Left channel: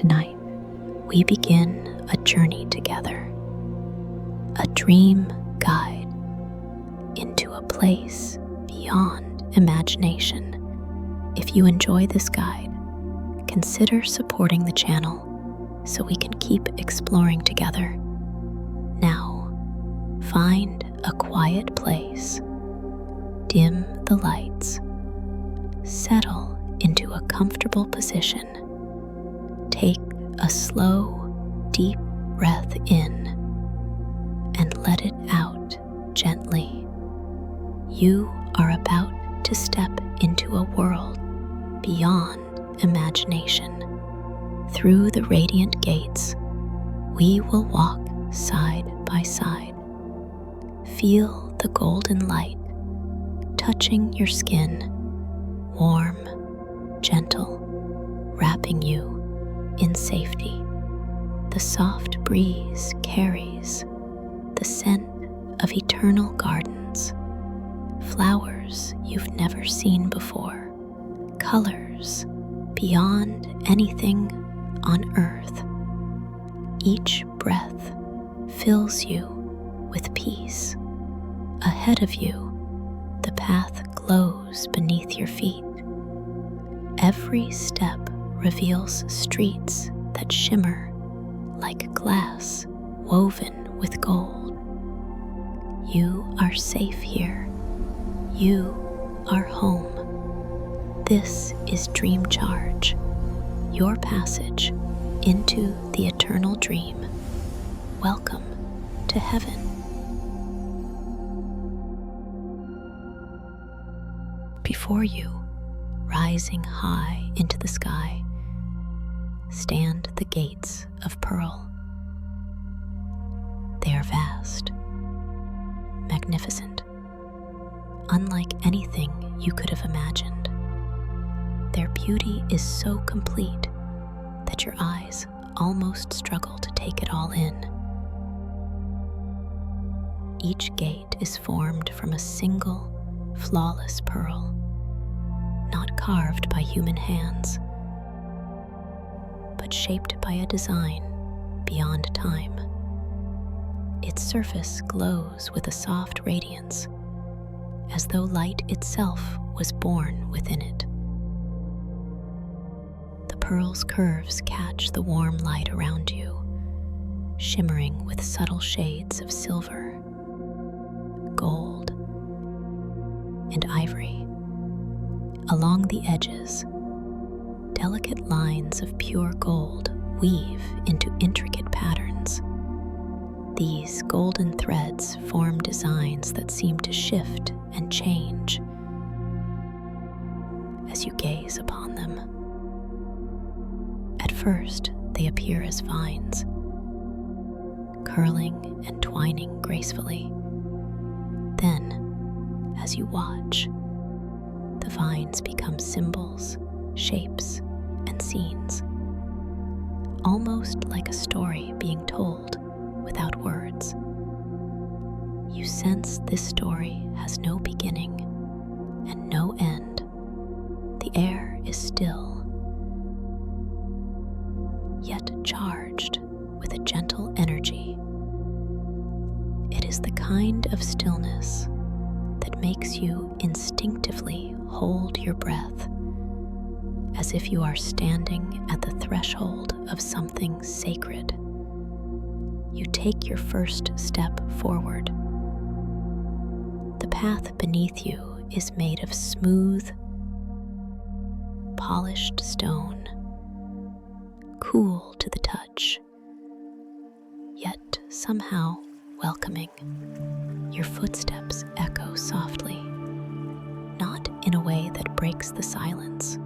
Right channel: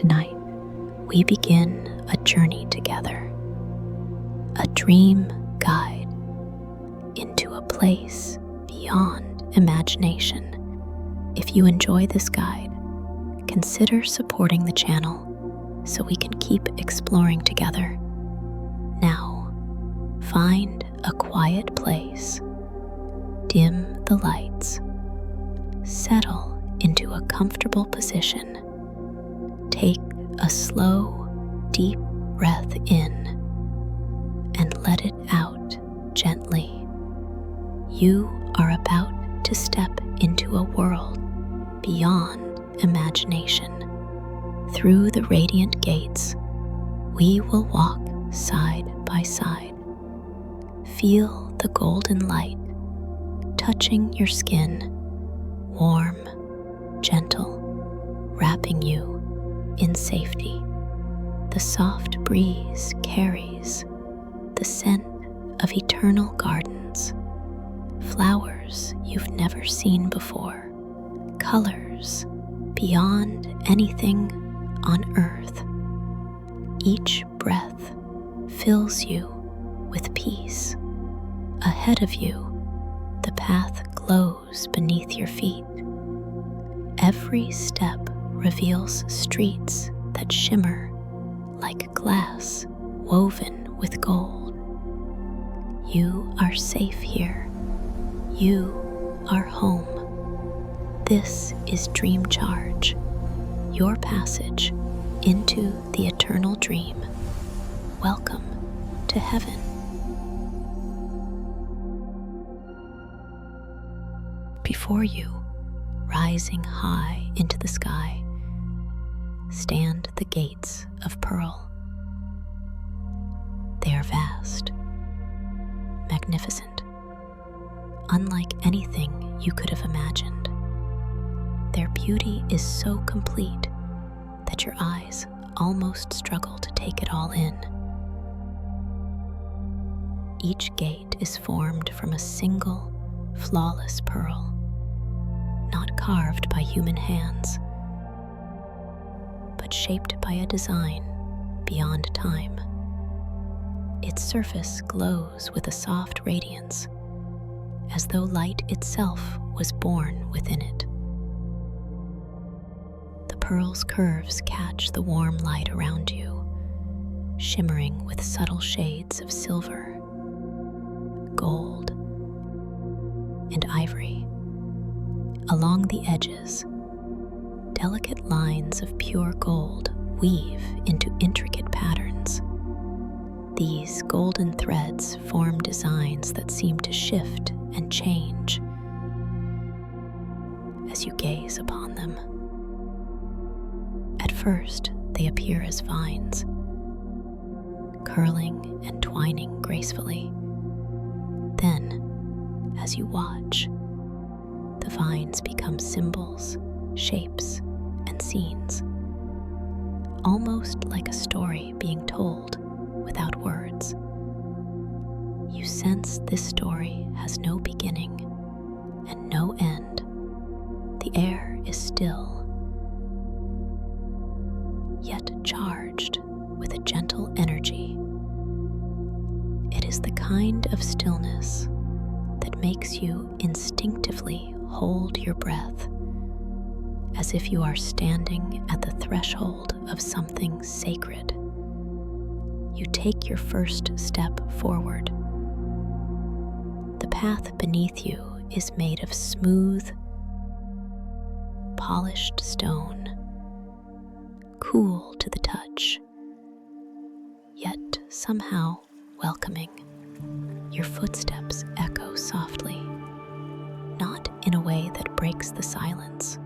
Tonight, we begin a journey together, a dream guide into a place beyond imagination. If you enjoy this guide, consider supporting the channel so we can keep exploring together. Now, find a quiet place, dim the lights, settle into a comfortable position. Take a slow, deep breath in and let it out gently. You are about to step into a world beyond imagination. Through the radiant gates, we will walk side by side. Feel the golden light touching your skin, warm, gentle, wrapping you in safety. The soft breeze carries the scent of eternal gardens, flowers you've never seen before, colors beyond anything on earth. Each breath fills you with peace. Ahead of you, the path glows beneath your feet. Every step reveals streets that shimmer like glass woven with gold. You are safe here. You are home. This is Dream Charge, your passage into the eternal dream. Welcome to heaven. Before you, rising high into the sky, stand the gates of pearl. They are vast, magnificent, unlike anything you could have imagined. Their beauty is so complete that your eyes almost struggle to take it all in. Each gate is formed from a single, flawless pearl, not carved by human hands, but shaped by a design beyond time. Its surface glows with a soft radiance, as though light itself was born within it. The pearl's curves catch the warm light around you, shimmering with subtle shades of silver, gold, and ivory. Along the edges, delicate lines of pure gold weave into intricate patterns. These golden threads form designs that seem to shift and change as you gaze upon them. At first, they appear as vines, curling and twining gracefully. Then, as you watch, the vines become symbols, shapes, and scenes, almost like a story being told without words. You sense this story has no beginning and no end. The air is still, yet charged with a gentle energy. It is the kind of stillness that makes you instinctively hold your breath, as if you are standing at the threshold of something sacred. You take your first step forward. The path beneath you is made of smooth, polished stone, cool to the touch, yet somehow welcoming. Your footsteps echo softly, not in a way that breaks the silence,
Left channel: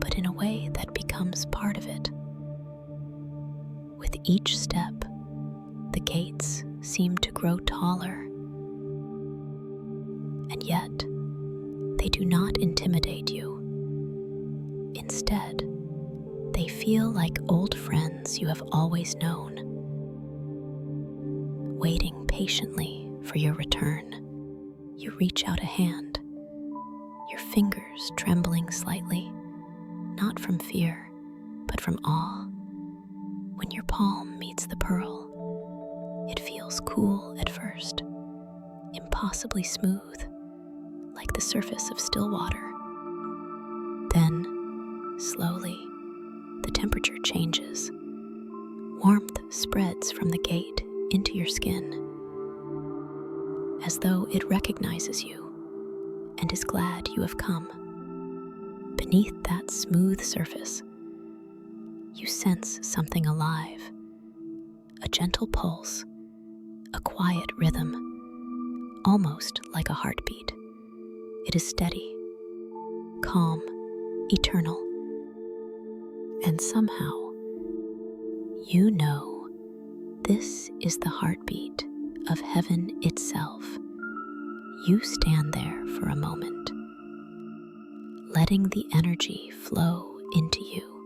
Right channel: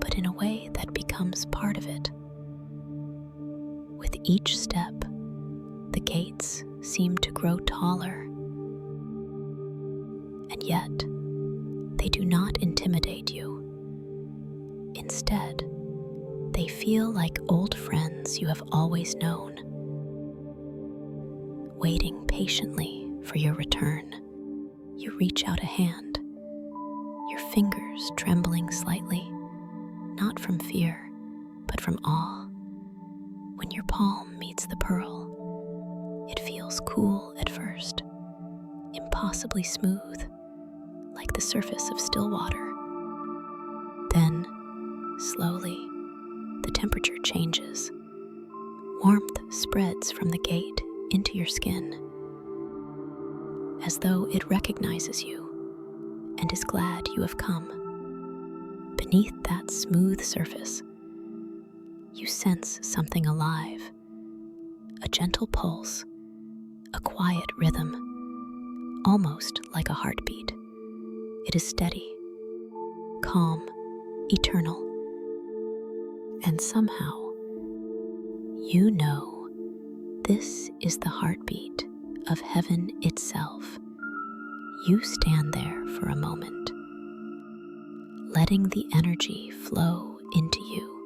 but in a way that becomes part of it. With each step, the gates seem to grow taller, and yet they do not intimidate you. Instead, they feel like old friends you have always known, waiting patiently for your return. You reach out a hand, your fingers trembling slightly, not from fear, but from awe. when your palm meets the pearl, it feels cool at first, impossibly smooth, like the surface of still water. Then, slowly, the temperature changes. Warmth spreads from the gate into your skin, as though it recognizes you and is glad you have come. Beneath that smooth surface, you sense something alive, a gentle pulse, a quiet rhythm, almost like a heartbeat. It is steady, calm, eternal, and somehow, you know this is the heartbeat of heaven itself. You stand there for a moment, letting the energy flow into you.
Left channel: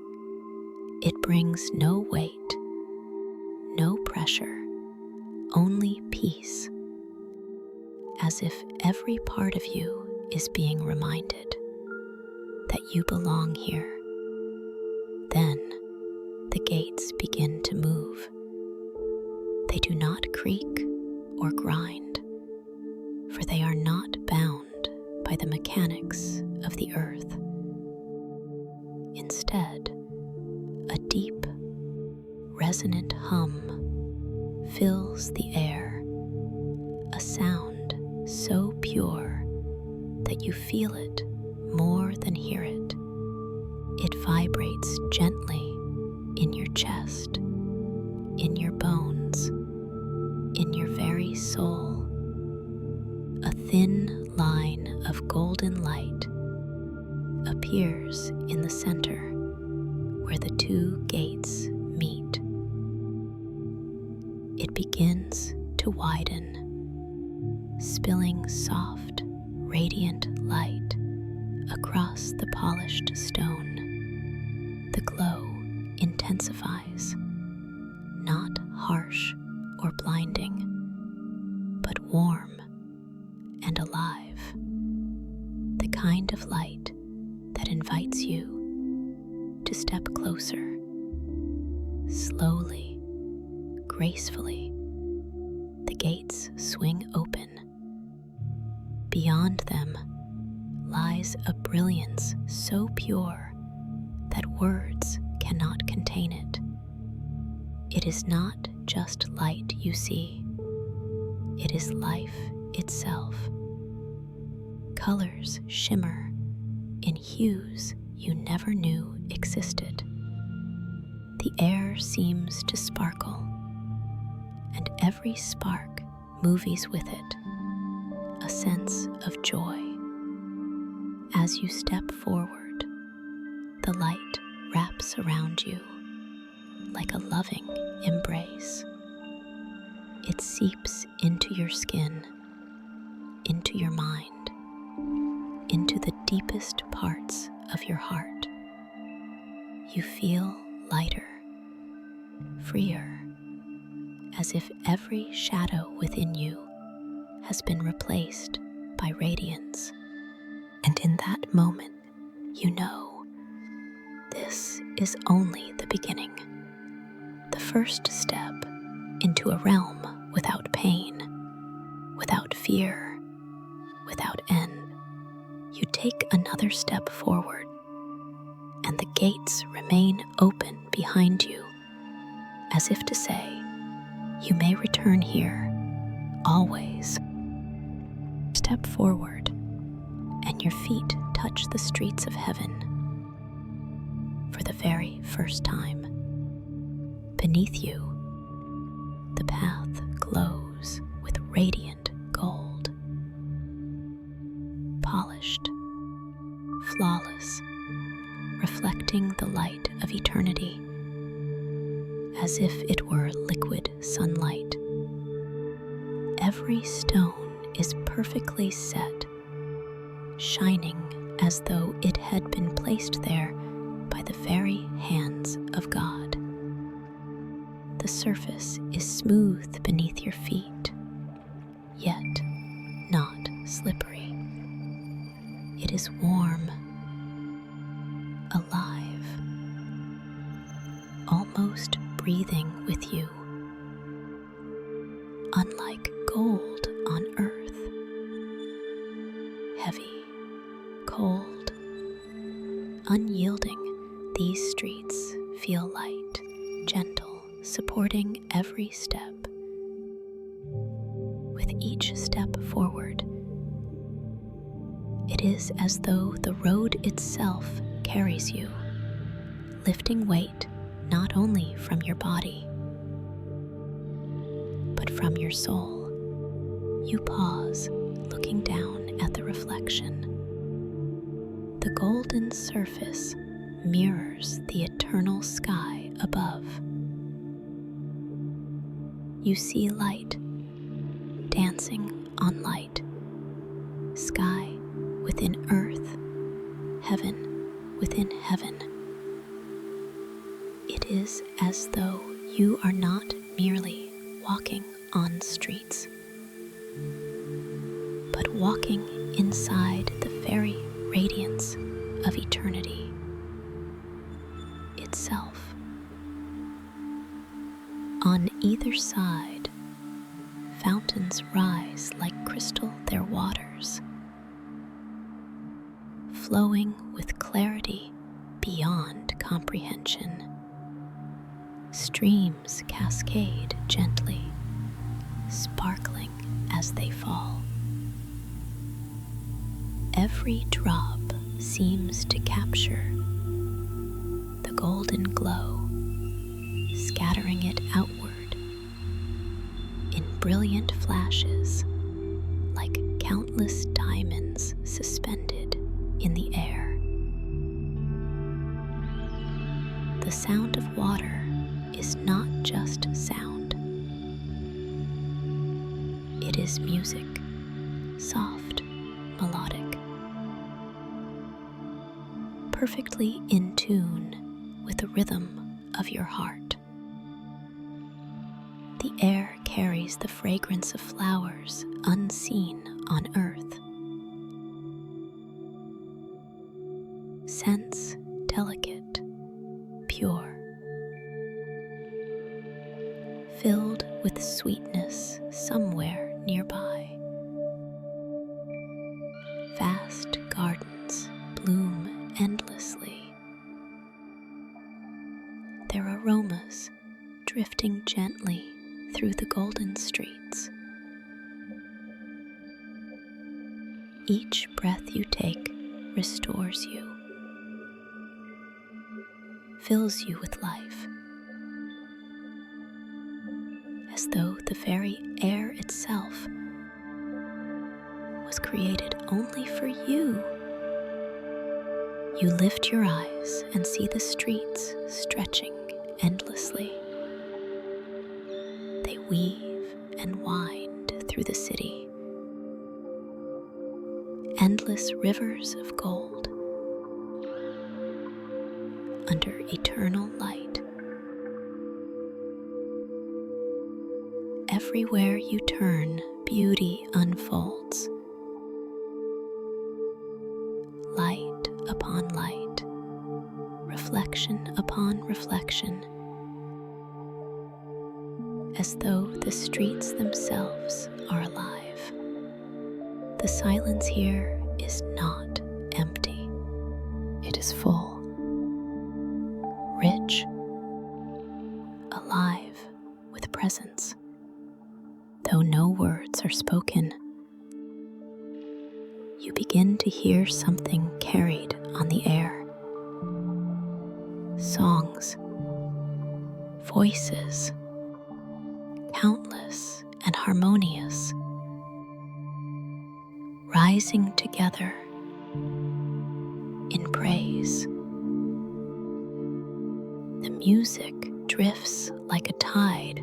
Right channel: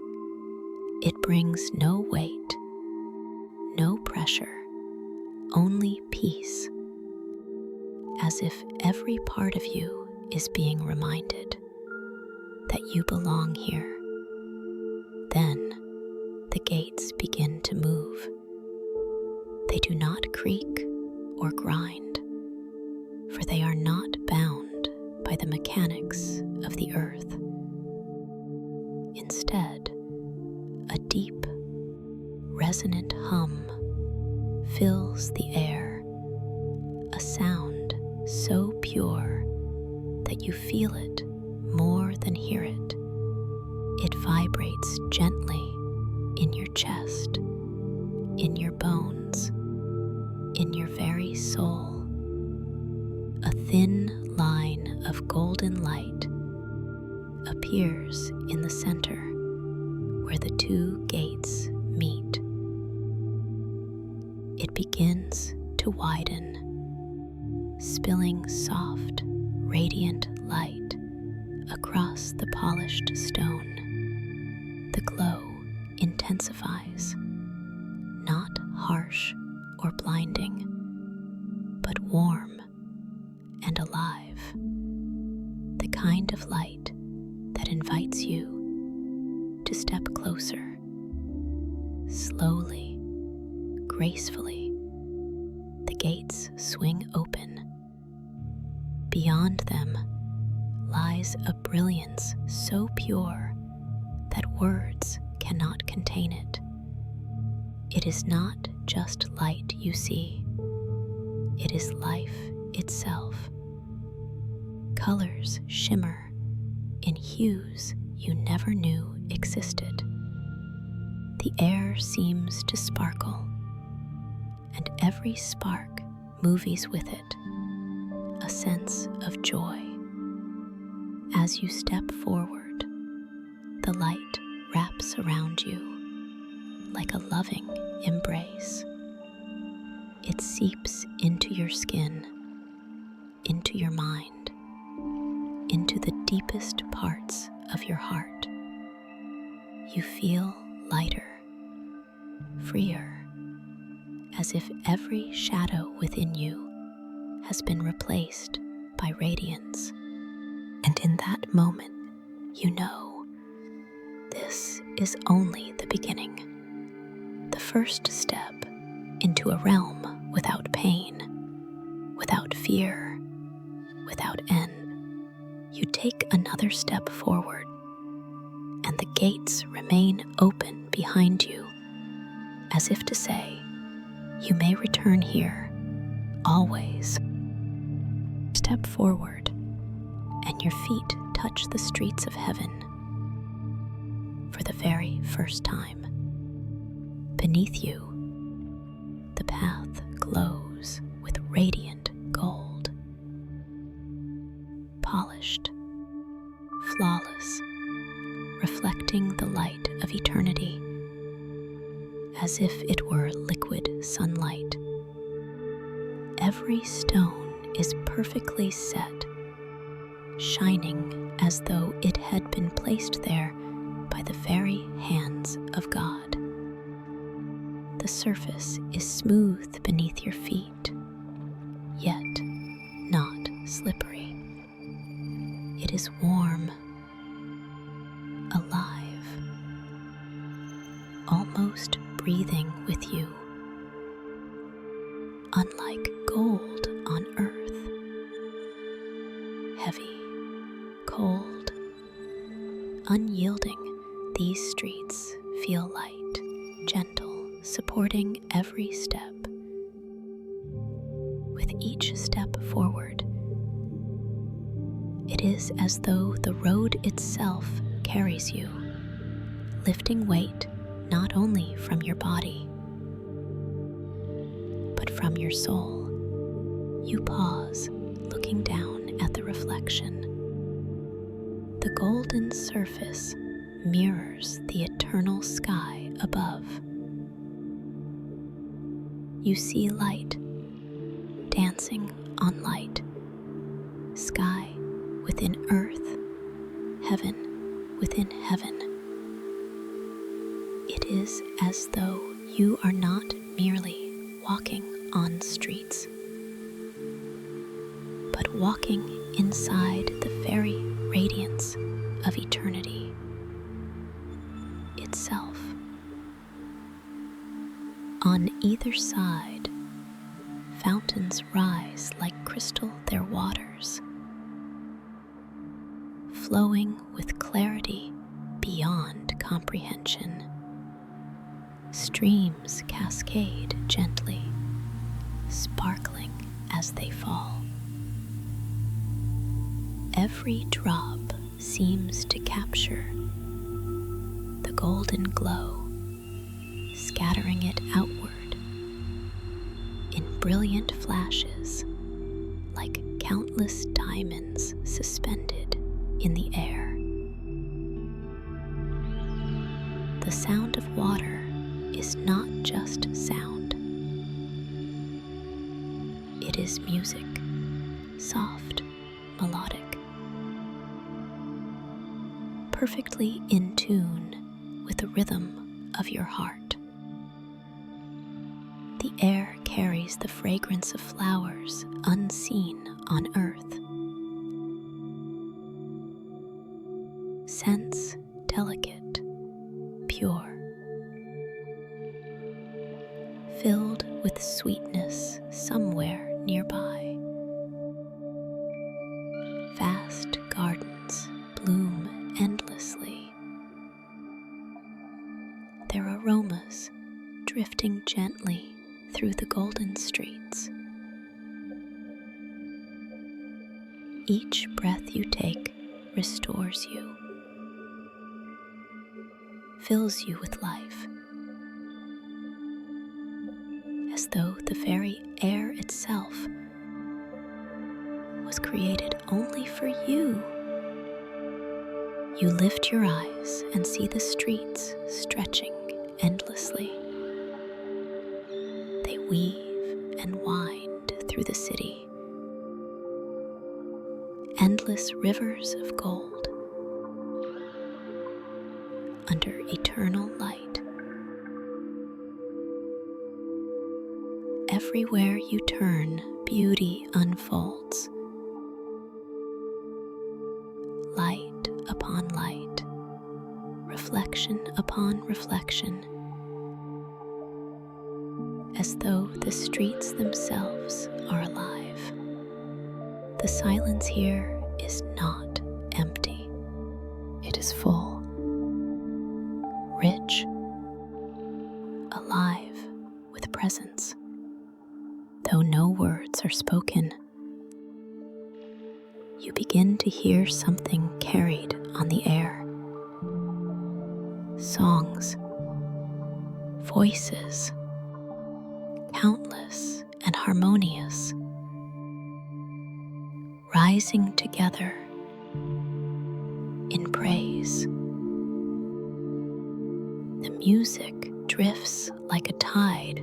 It brings no weight, no pressure, only peace, as if every part of you is being reminded that you belong here. Then the gates begin to move. They do not creak or grind, for they are not bound by the mechanics of the earth. Instead, a deep, resonant hum fills the air, a sound so pure that you feel it more than hear it. It vibrates gently in your chest, in your bones, in your very soul. A thin line of golden light appears in the center where the two gates meet. It begins to widen, spilling soft, radiant light across the polished stone. The glow intensifies, not harsh or blinding, but warm and alive. The kind of light that invites you to step closer. Slowly, gracefully, the gates swing open. Beyond them lies a brilliance so pure that words cannot contain it. It is not just light you see, it is life itself. Colors shimmer in hues you never knew existed. The air seems to sparkle, and every spark movies with it, a sense of joy. As you step forward, the light wraps around you like a loving embrace. It seeps into your skin, into your mind, into the deepest parts of your heart. You feel lighter, freer, as if every shadow within you has been replaced by radiance. And in that moment, you know this is only the beginning, the first step into a realm without pain, without fear, without end. You take another step forward, and the gates remain open behind you, as if to say, you may return here, always. Step forward, and your feet touch the streets of heaven for the very first time. Beneath you, the path glows with radiant gold, polished, flawless, reflecting the light of eternity, as if it were liquid sunlight. Every stone is perfectly set, shining as though it had been placed there by the very hands of God. The surface is smooth beneath your feet, yet not slippery. It is warm, alive, almost breathing with you. Unlike gold on earth, heavy, cold, unyielding, these streets feel light, gentle, supporting every step. With each step forward, it is as though the road itself carries you, lifting weight not only from your body, but from your soul. You pause, looking down at the reflection. The golden surface mirrors the eternal sky above. You see light dancing on light, sky within earth, heaven within heaven. It is as though you are not merely walking on streets, but walking inside the very radiance of eternity itself. On either side, fountains rise like crystal their waters, flowing with clarity beyond comprehension. Streams cascade gently, sparkling as they fall. Every drop seems to capture the golden glow, scattering it outward in brilliant flashes like countless diamonds suspended in the air. The sound of water is not just sound. It is music, soft, melodic, perfectly in tune with the rhythm of your heart. The air carries the fragrance of flowers unseen on earth. Scents delicate, pure, filled with sweetness somewhere nearby. Vast gardens bloom endlessly, their aromas drifting gently through the golden streets. Each breath you take restores you, fills you with life, as though the very air itself was created only for you. You lift your eyes and see the streets stretching endlessly. They weave and wind through the city, endless rivers of gold under eternal light. Everywhere you turn, beauty unfolds. Light upon light, reflection upon reflection, as though the streets themselves are alive. The silence here is not empty. It is full, rich, alive with presence. Though no words are spoken, you begin to hear something carried on the air. Songs, voices, countless and harmonious, rising together in praise. The music drifts like a tide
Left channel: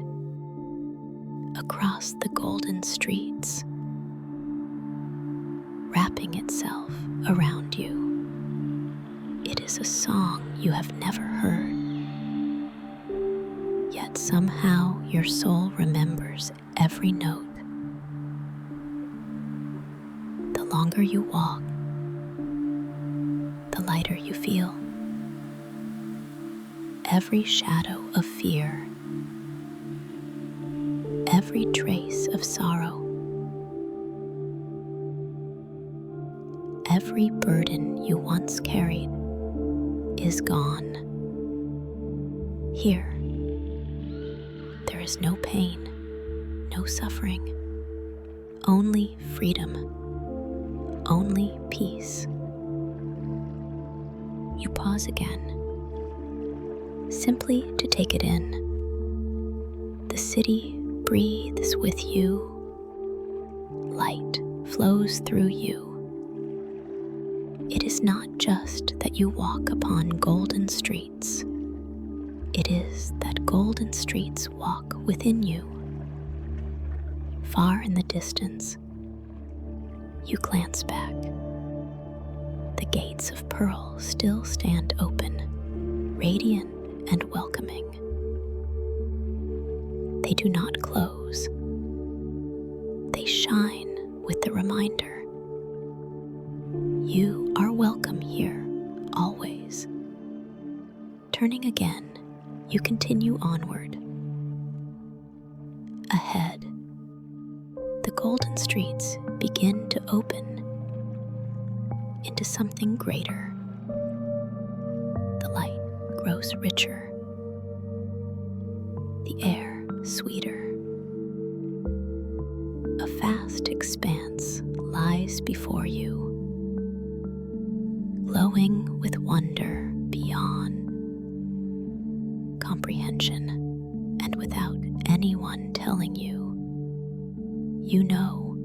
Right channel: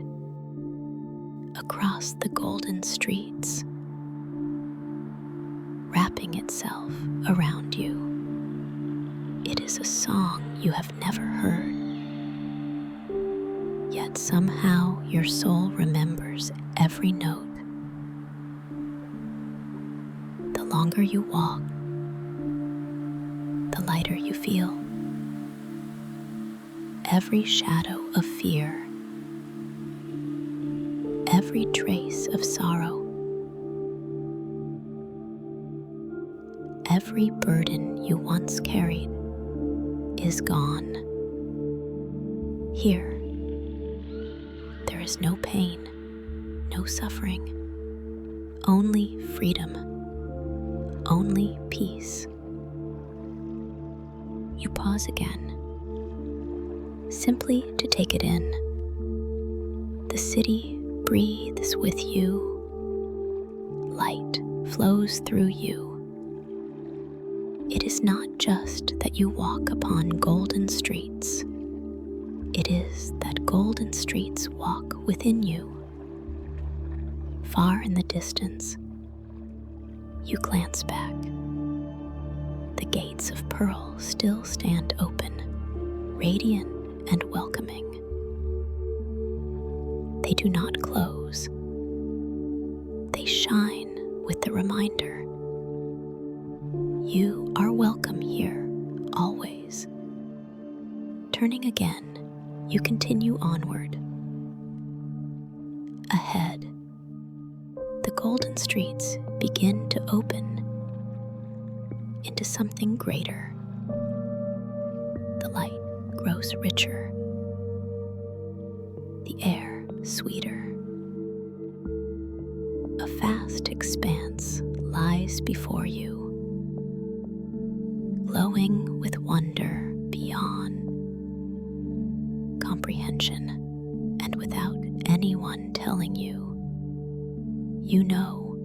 across the golden streets, wrapping itself around you. It is a song you have never heard, yet somehow your soul remembers every note. The longer you walk, the lighter you feel. Every shadow of fear every trace of sorrow. Every burden you once carried is gone. Here, there is no pain, no suffering, only freedom, only peace. You pause again, simply to take it in. The city breathes with you. Light flows through you. It is not just that you walk upon golden streets. It is that golden streets walk within you. Far in the distance, you glance back. The gates of pearl still stand open, radiant and welcoming. They do not close. They shine with the reminder. You are welcome here, always. Turning again, you continue onward. Ahead, the golden streets begin to open into something greater. The light grows richer, the air sweeter. A vast expanse lies before you, glowing with wonder beyond comprehension, and without anyone telling you, you know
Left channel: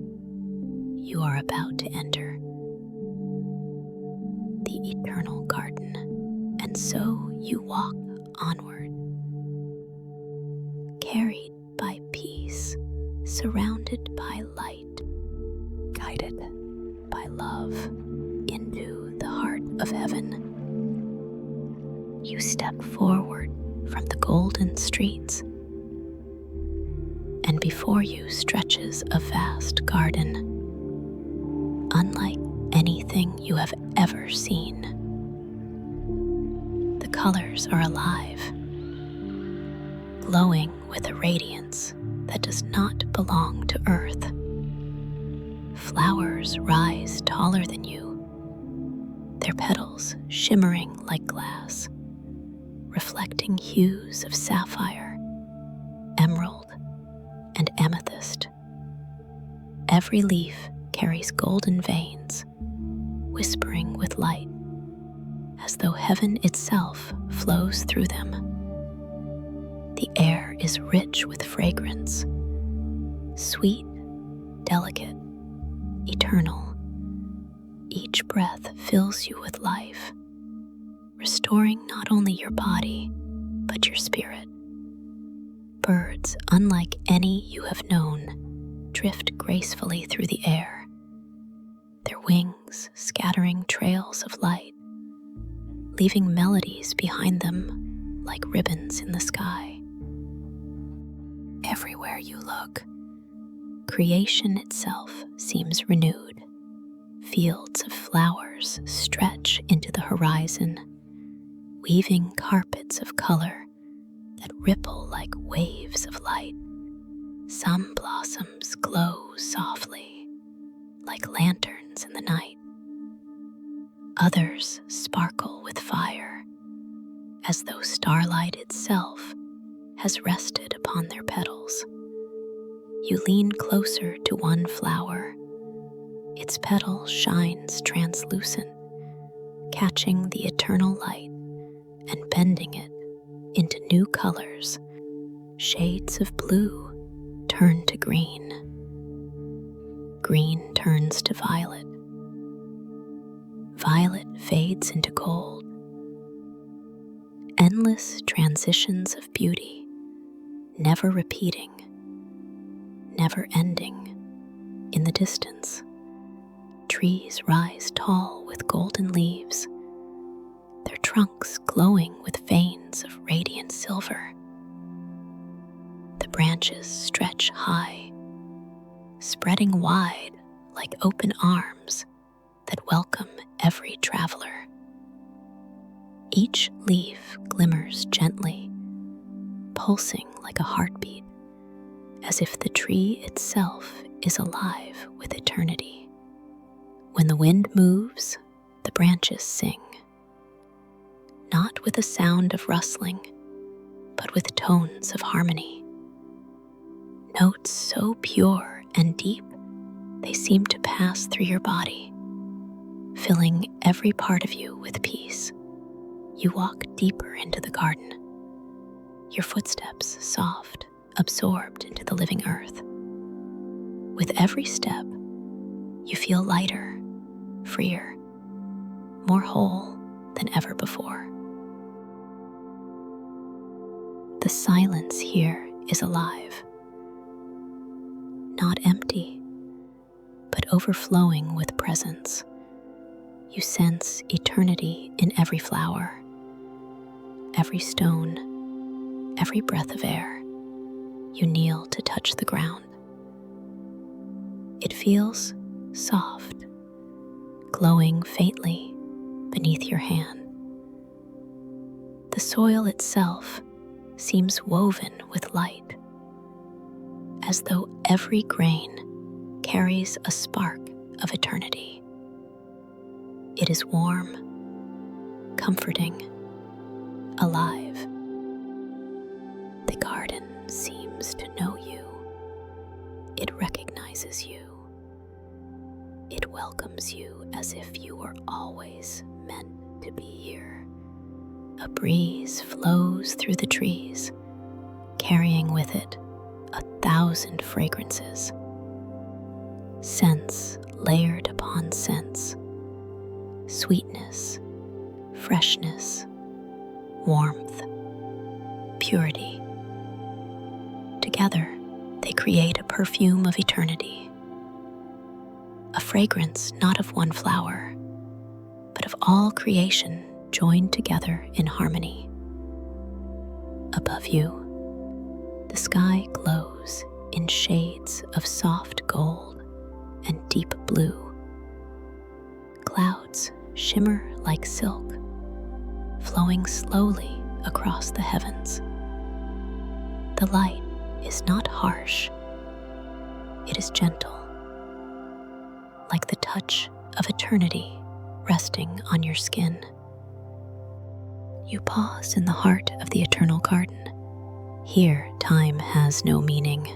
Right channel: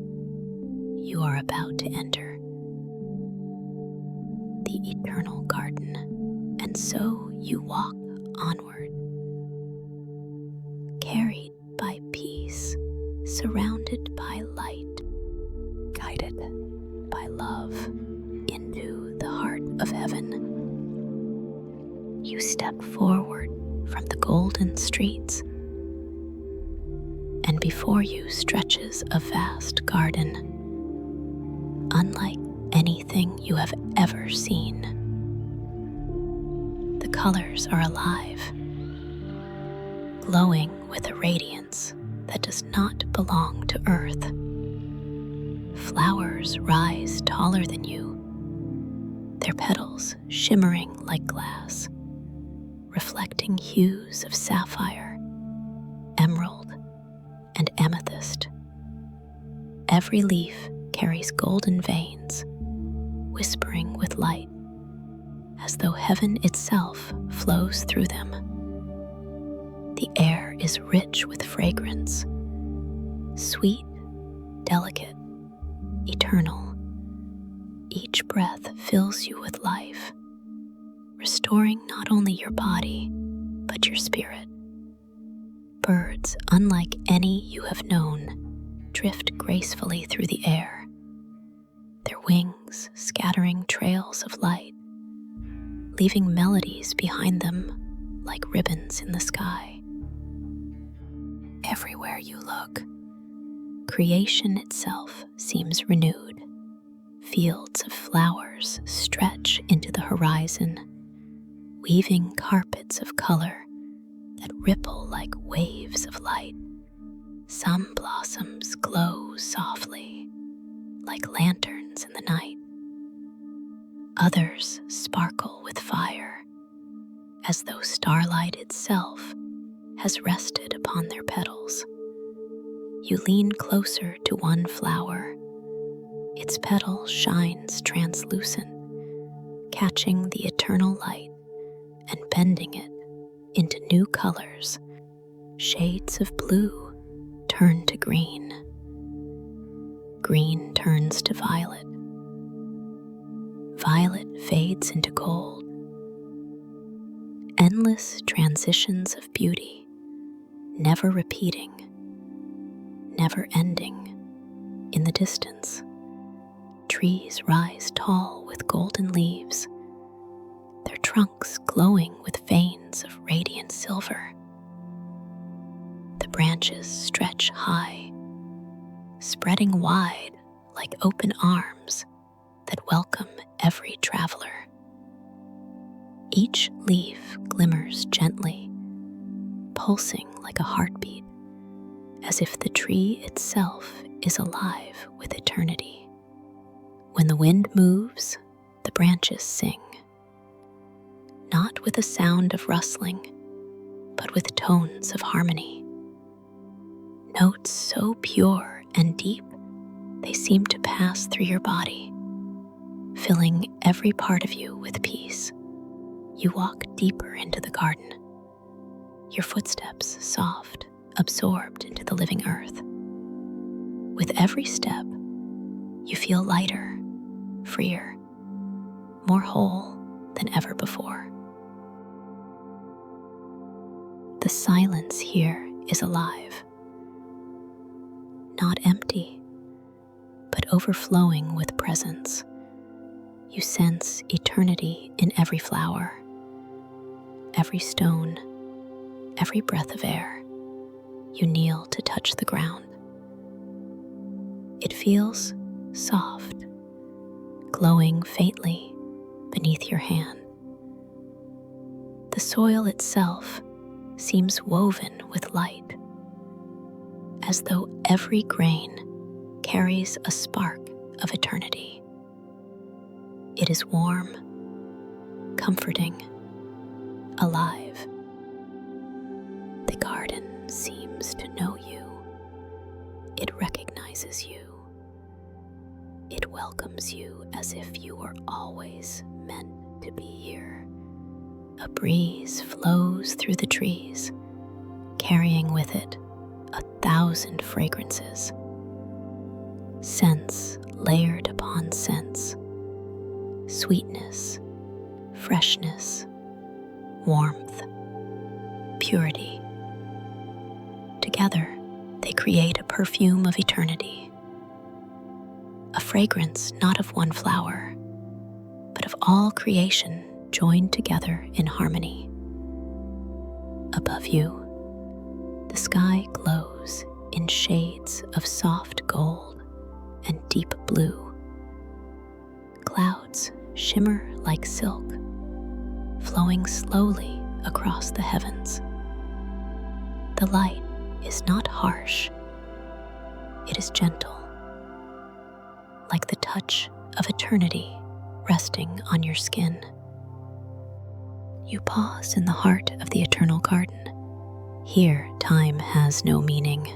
you are about to enter the eternal garden, and so you walk onward, carried by peace, surrounded by light, guided by love into the heart of heaven. You step forward from the golden streets, and before you stretches a vast garden, unlike anything you have ever seen. The colors are alive, glowing with a radiance that does not belong to earth. Flowers rise taller than you, their petals shimmering like glass, reflecting hues of sapphire, emerald, and amethyst. Every leaf carries golden veins, whispering with light, as though heaven itself flows through them. The air is rich with fragrance, sweet, delicate, eternal. Each breath fills you with life, restoring not only your body, but your spirit. Birds, unlike any you have known, drift gracefully through the air, their wings scattering trails of light, leaving melodies behind them like ribbons in the sky. Everywhere you look, creation itself seems renewed. Fields of flowers stretch into the horizon, weaving carpets of color that ripple like waves of light. Some blossoms glow softly, like lanterns in the night. Others sparkle with fire, as though starlight itself has rested upon their petals. You lean closer to one flower. Its petal shines translucent, catching the eternal light and bending it into new colors. Shades of blue turn to green. Green turns to violet. Violet fades into gold. Endless transitions of beauty, never repeating, never ending. In the distance, trees rise tall with golden leaves, their trunks glowing with veins of radiant silver. The branches stretch high, spreading wide like open arms that welcome every traveler. Each leaf glimmers gently, pulsing like a heartbeat, as if the tree itself is alive with eternity. When the wind moves, the branches sing, not with a sound of rustling, but with tones of harmony. Notes so pure and deep, they seem to pass through your body, filling every part of you with peace. You walk deeper into the garden, your footsteps soft, absorbed into the living earth. With every step, you feel lighter, freer, more whole than ever before. The silence here is alive, not empty, but overflowing with presence. You sense eternity in every flower, every stone, every breath of air. You kneel to touch the ground. It feels soft, glowing faintly beneath your hand. The soil itself seems woven with light, as though every grain carries a spark of eternity. It is warm, comforting, alive. The garden seems to know you. It recognizes you. It welcomes you as if you were always meant to be here. A breeze flows through the trees, carrying with it 1,000 fragrances. Scents layered upon scents. Sweetness, freshness, warmth, purity. Together, they create a perfume of eternity. A fragrance not of one flower, but of all creation joined together in harmony. Above you, the sky glows in shades of soft gold and deep blue. Clouds shimmer like silk, flowing slowly across the heavens. The light is not harsh, it is gentle, like the touch of eternity resting on your skin. You pause in the heart of the eternal garden. Here, time has no meaning.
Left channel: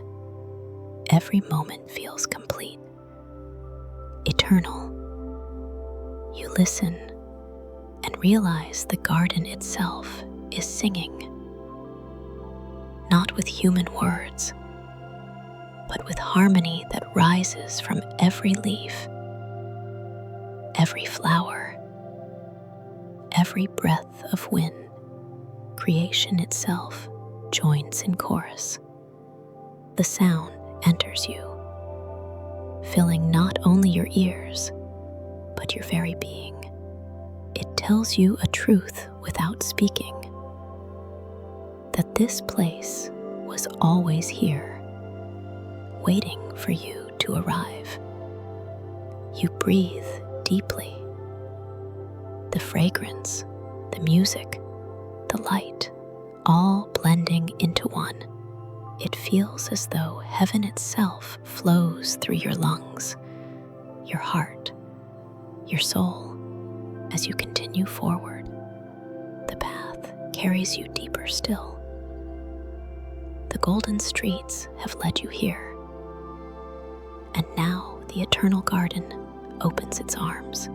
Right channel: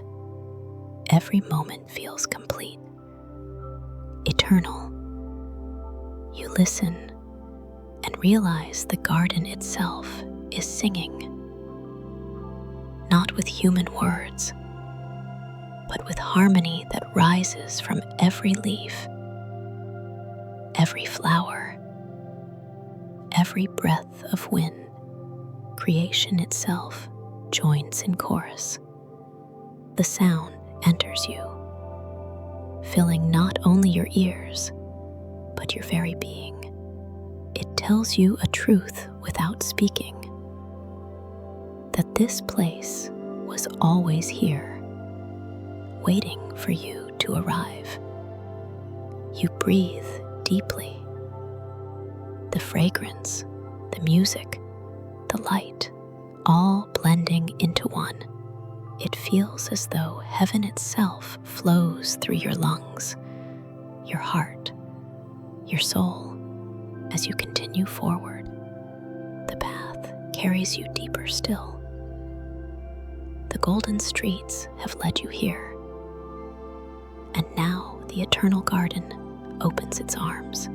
Every moment feels complete, eternal. You listen and realize the garden itself is singing, not with human words, but with harmony that rises from every leaf, every flower, every breath of wind. Creation itself joins in chorus. The sound enters you, filling not only your ears, but your very being. It tells you a truth without speaking, that this place was always here, waiting for you to arrive. You breathe deeply. The fragrance, the music, the light, all blending into one. It feels as though heaven itself flows through your lungs, your heart, your soul. As you continue forward, the path carries you deeper still. The golden streets have led you here, and now the eternal garden opens its arms.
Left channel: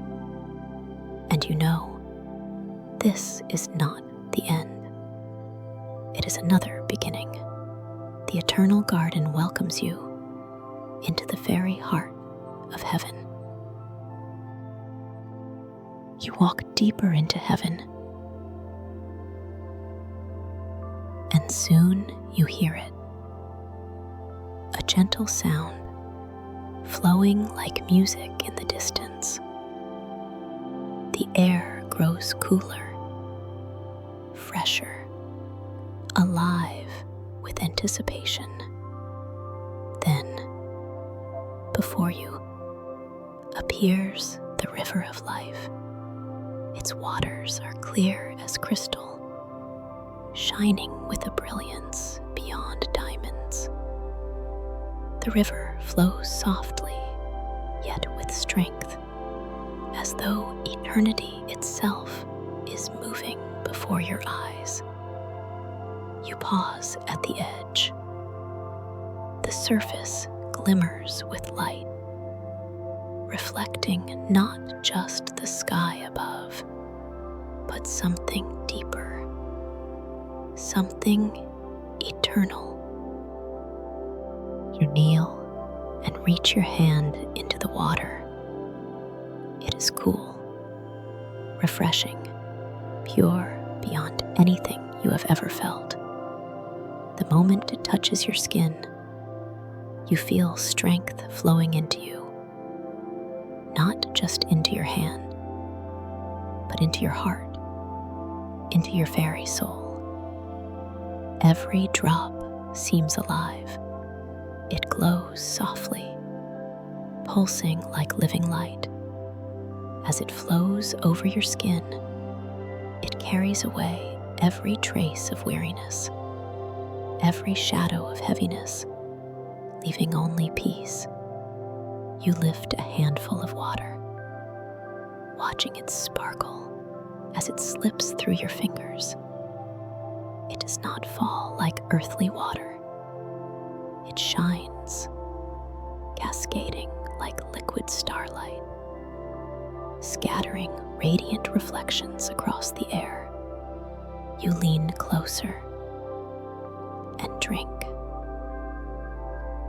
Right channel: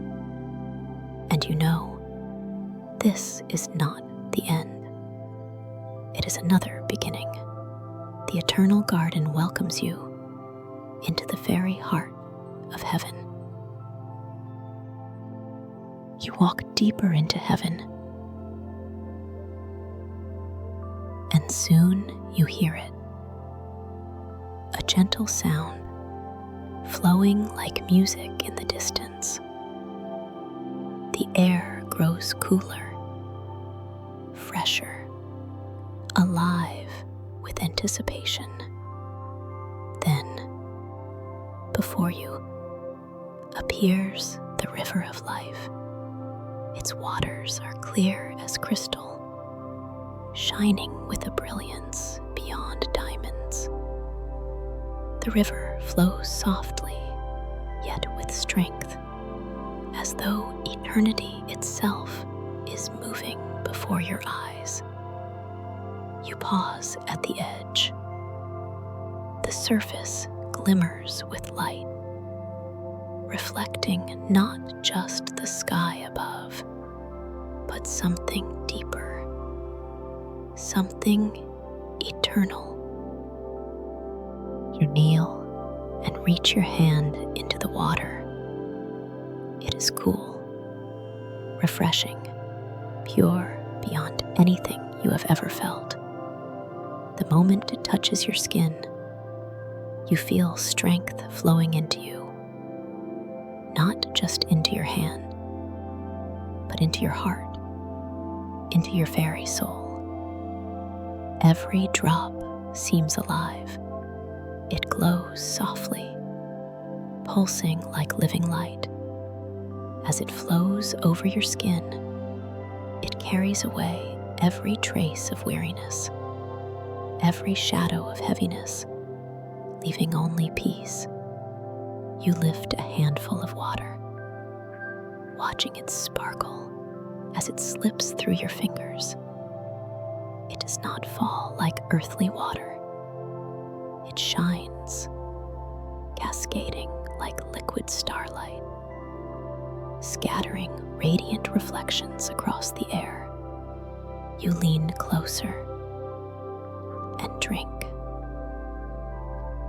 And you know, this is not the end. It is another beginning. The eternal garden welcomes you into the very heart of heaven. You walk deeper into heaven, and soon you hear it. A gentle sound, flowing like music in the distance. The air grows cooler, fresher, alive with anticipation. Then, before you, appears the river of life. Its waters are clear as crystal, shining with a brilliance beyond diamonds. The river flows softly, yet with strength, as though eternity itself is moving before your eyes. You pause at the edge. The surface glimmers with light, reflecting not just the sky above, but something deeper, something eternal. You kneel and reach your hand into the water. It is cool, refreshing, pure beyond anything you have ever felt. The moment it touches your skin, you feel strength flowing into you, not just into your hand, but into your heart, into your very soul. Every drop seems alive. It glows softly, pulsing like living light. As it flows over your skin, it carries away every trace of weariness, every shadow of heaviness, leaving only peace. You lift a handful of water, watching it sparkle as it slips through your fingers. It does not fall like earthly water. It shines, cascading like liquid starlight, scattering radiant reflections across the air. You lean closer and drink.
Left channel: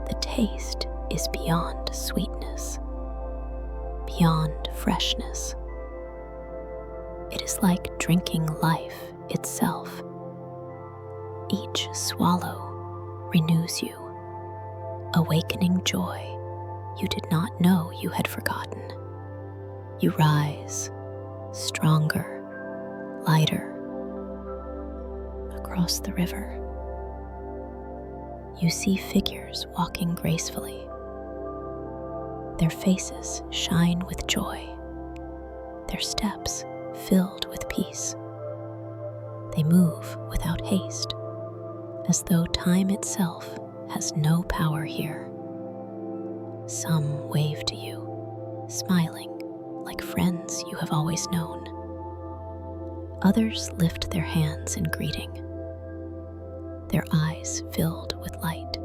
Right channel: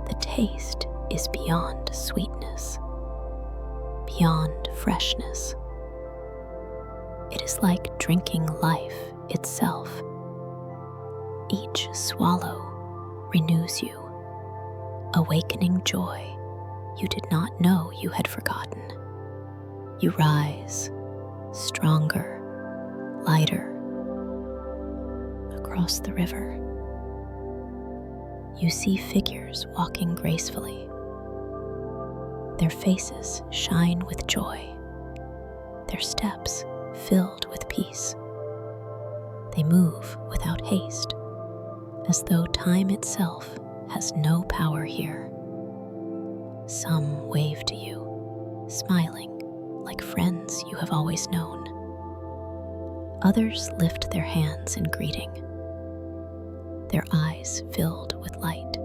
The taste is beyond sweetness, beyond freshness. It is like drinking life itself. Each swallow renews you, awakening joy you did not know you had forgotten. You rise, stronger, lighter. Across the river, you see figures walking gracefully. Their faces shine with joy, their steps filled with peace. They move without haste, as though time itself has no power here. Some wave to you, smiling like friends you have always known. Others lift their hands in greeting, their eyes filled with light.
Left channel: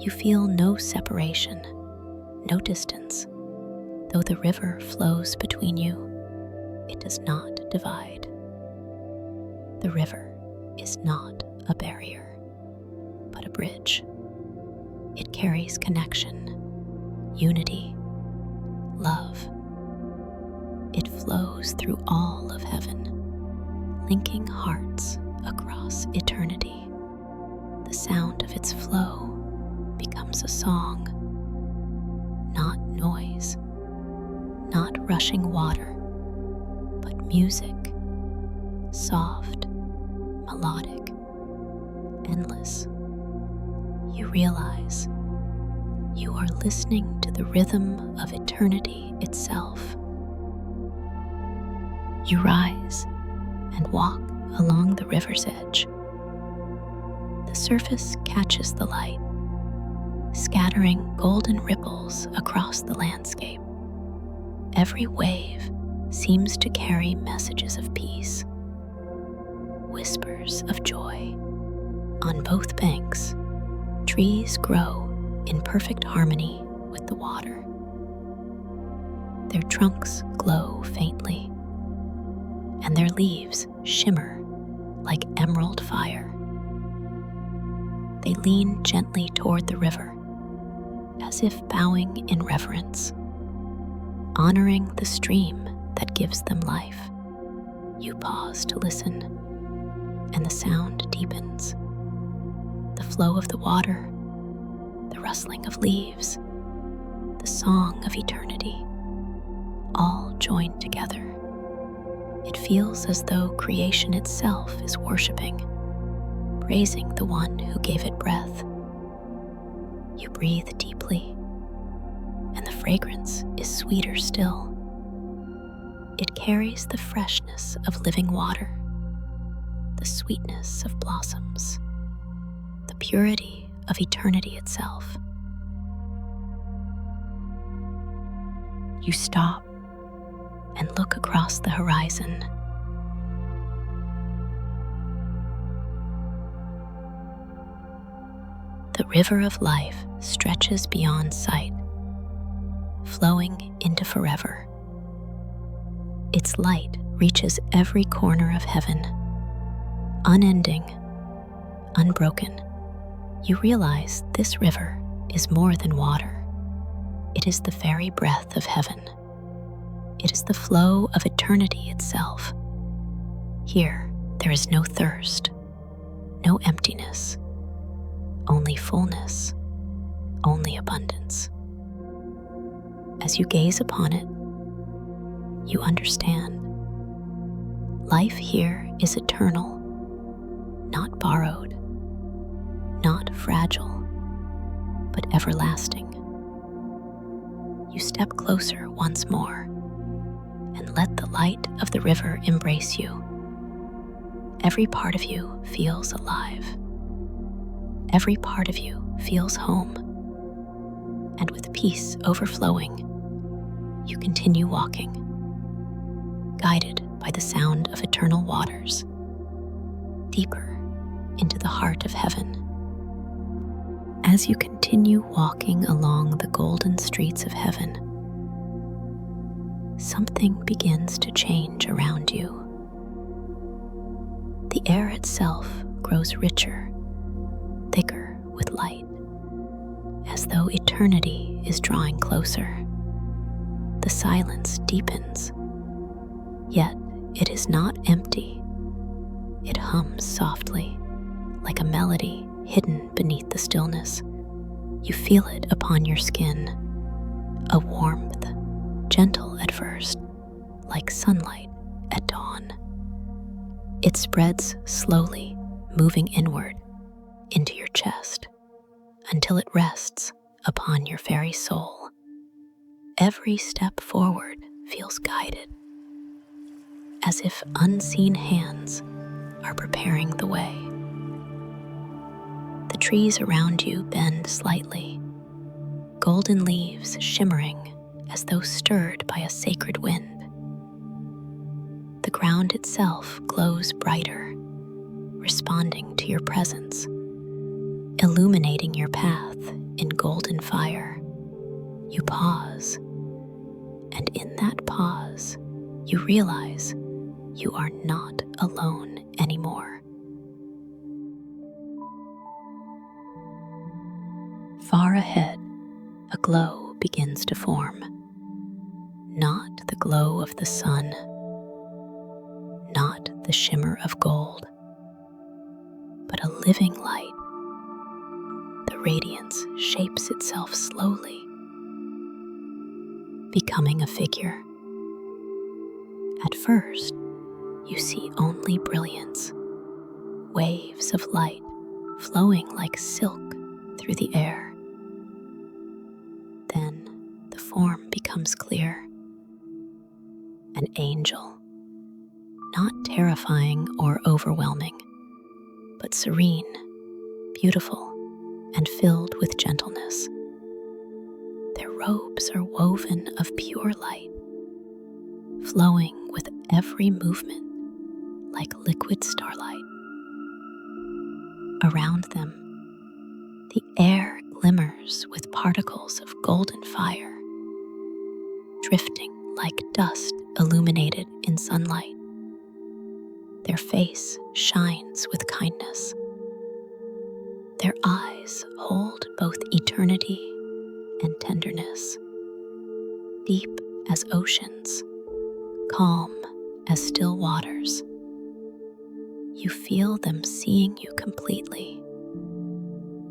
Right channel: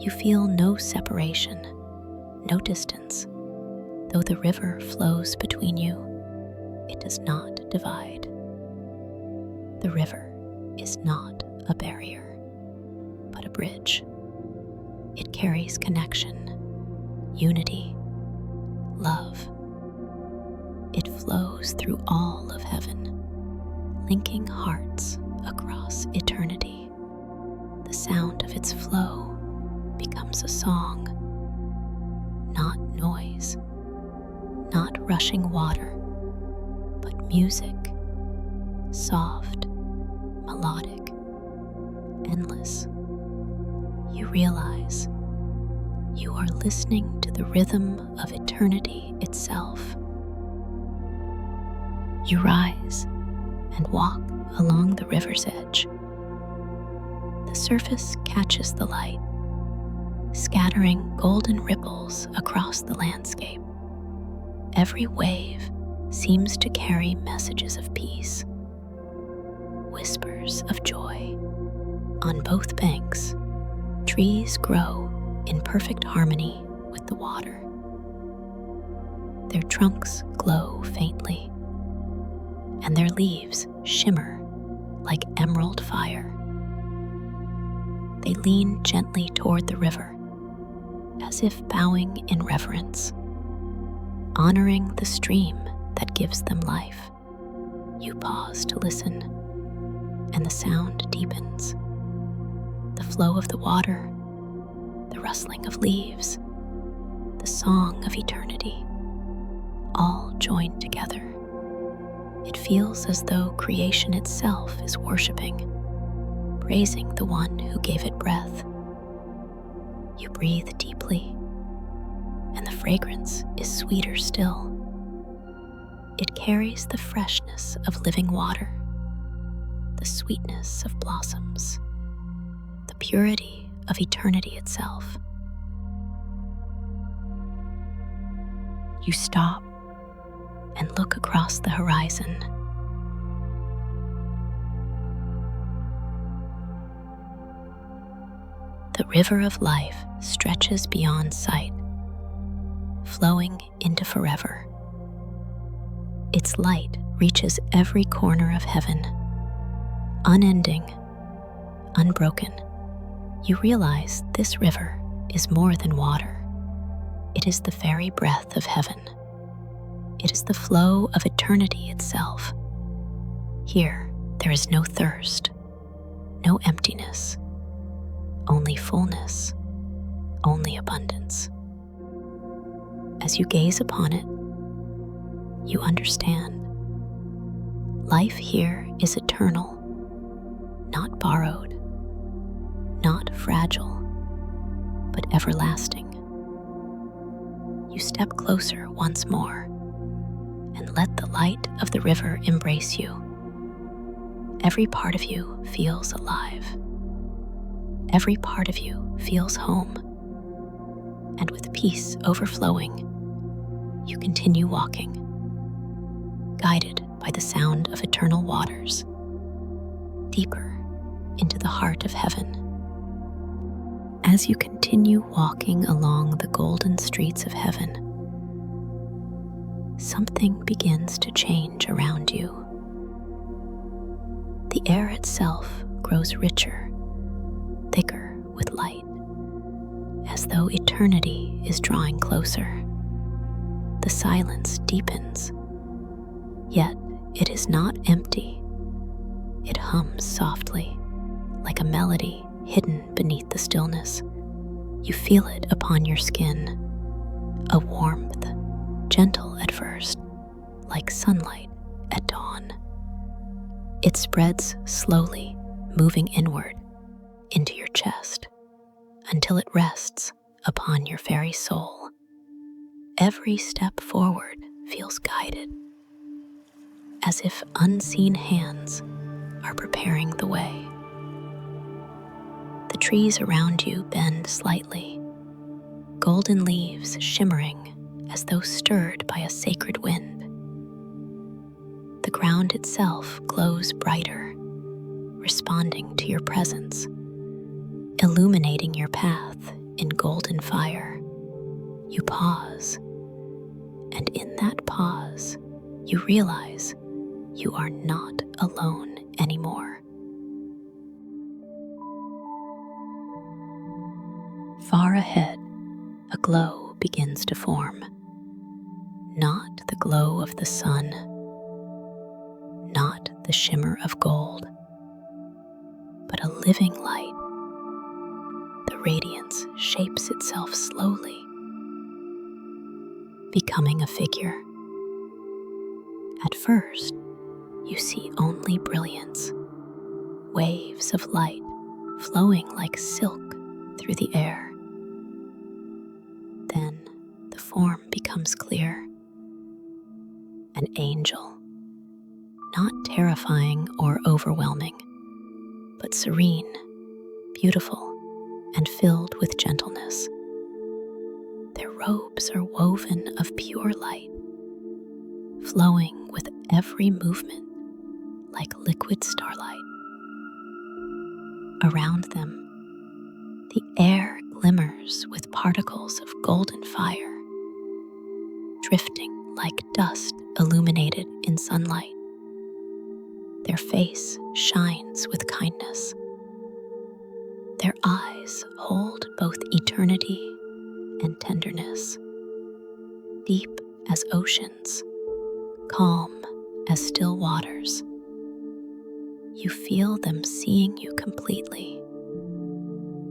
You feel no separation, no distance. Though the river flows between you, it does not divide. The river is not a barrier, but a bridge. It carries connection, unity, love. It flows through all of heaven, linking hearts across eternity. The sound of its flow becomes a song, not noise, not rushing water, but music, soft, melodic, endless. You realize you are listening to the rhythm of eternity itself. You rise and walk along the river's edge. The surface catches the light, scattering golden ripples across the landscape. Every wave seems to carry messages of peace, whispers of joy. On both banks, trees grow in perfect harmony with the water. Their trunks glow faintly, and their leaves shimmer like emerald fire. They lean gently toward the river, as if bowing in reverence, honoring the stream that gives them life. You pause to listen, and the sound deepens. The flow of the water, the rustling of leaves, the song of eternity, all join together. It feels as though creation itself is worshiping, praising the one who gave it breath. You breathe deeply, and the fragrance is sweeter still. It carries the freshness of living water, the sweetness of blossoms, the purity of eternity itself. You stop and look across the horizon. The river of life stretches beyond sight, flowing into forever. Its light reaches every corner of heaven, unending, unbroken. You realize this river is more than water. It is the very breath of heaven. It is the flow of eternity itself. Here, there is no thirst, no emptiness, only fullness, only abundance. As you gaze upon it, you understand life here is eternal, not borrowed, not fragile, but everlasting. You step closer once more and let the light of the river embrace you. Every part of you feels alive. Every part of you feels home. And with peace overflowing, you continue walking, guided by the sound of eternal waters, deeper into the heart of heaven. As you continue walking along the golden streets of heaven, something begins to change around you. The air itself grows richer, thicker with light, as though eternity is drawing closer. The silence deepens, yet it is not empty. It hums softly, like a melody hidden beneath the stillness. You feel it upon your skin, a warmth, gentle at first, like sunlight at dawn. It spreads slowly, moving inward into your chest until it rests upon your very soul. Every step forward feels guided, as if unseen hands are preparing the way. The trees around you bend slightly, golden leaves shimmering as though stirred by a sacred wind. The ground itself glows brighter, responding to your presence, illuminating your path in golden fire. You pause, and in that pause, you realize you are not alone anymore. Far ahead, a glow begins to form. Not the glow of the sun, not the shimmer of gold, but a living light. The radiance shapes itself slowly, becoming a figure. At first, you see only brilliance, waves of light flowing like silk through the air. Then the form becomes clear. An angel, not terrifying or overwhelming, but serene, beautiful, and filled with gentleness. Their robes are woven of pure light, flowing with every movement like liquid starlight. Around them, the air glimmers with particles of golden fire, drifting like dust illuminated in sunlight. Their face shines with kindness. Their eyes hold both eternity and tenderness, deep as oceans, calm as still waters. You feel them seeing you completely,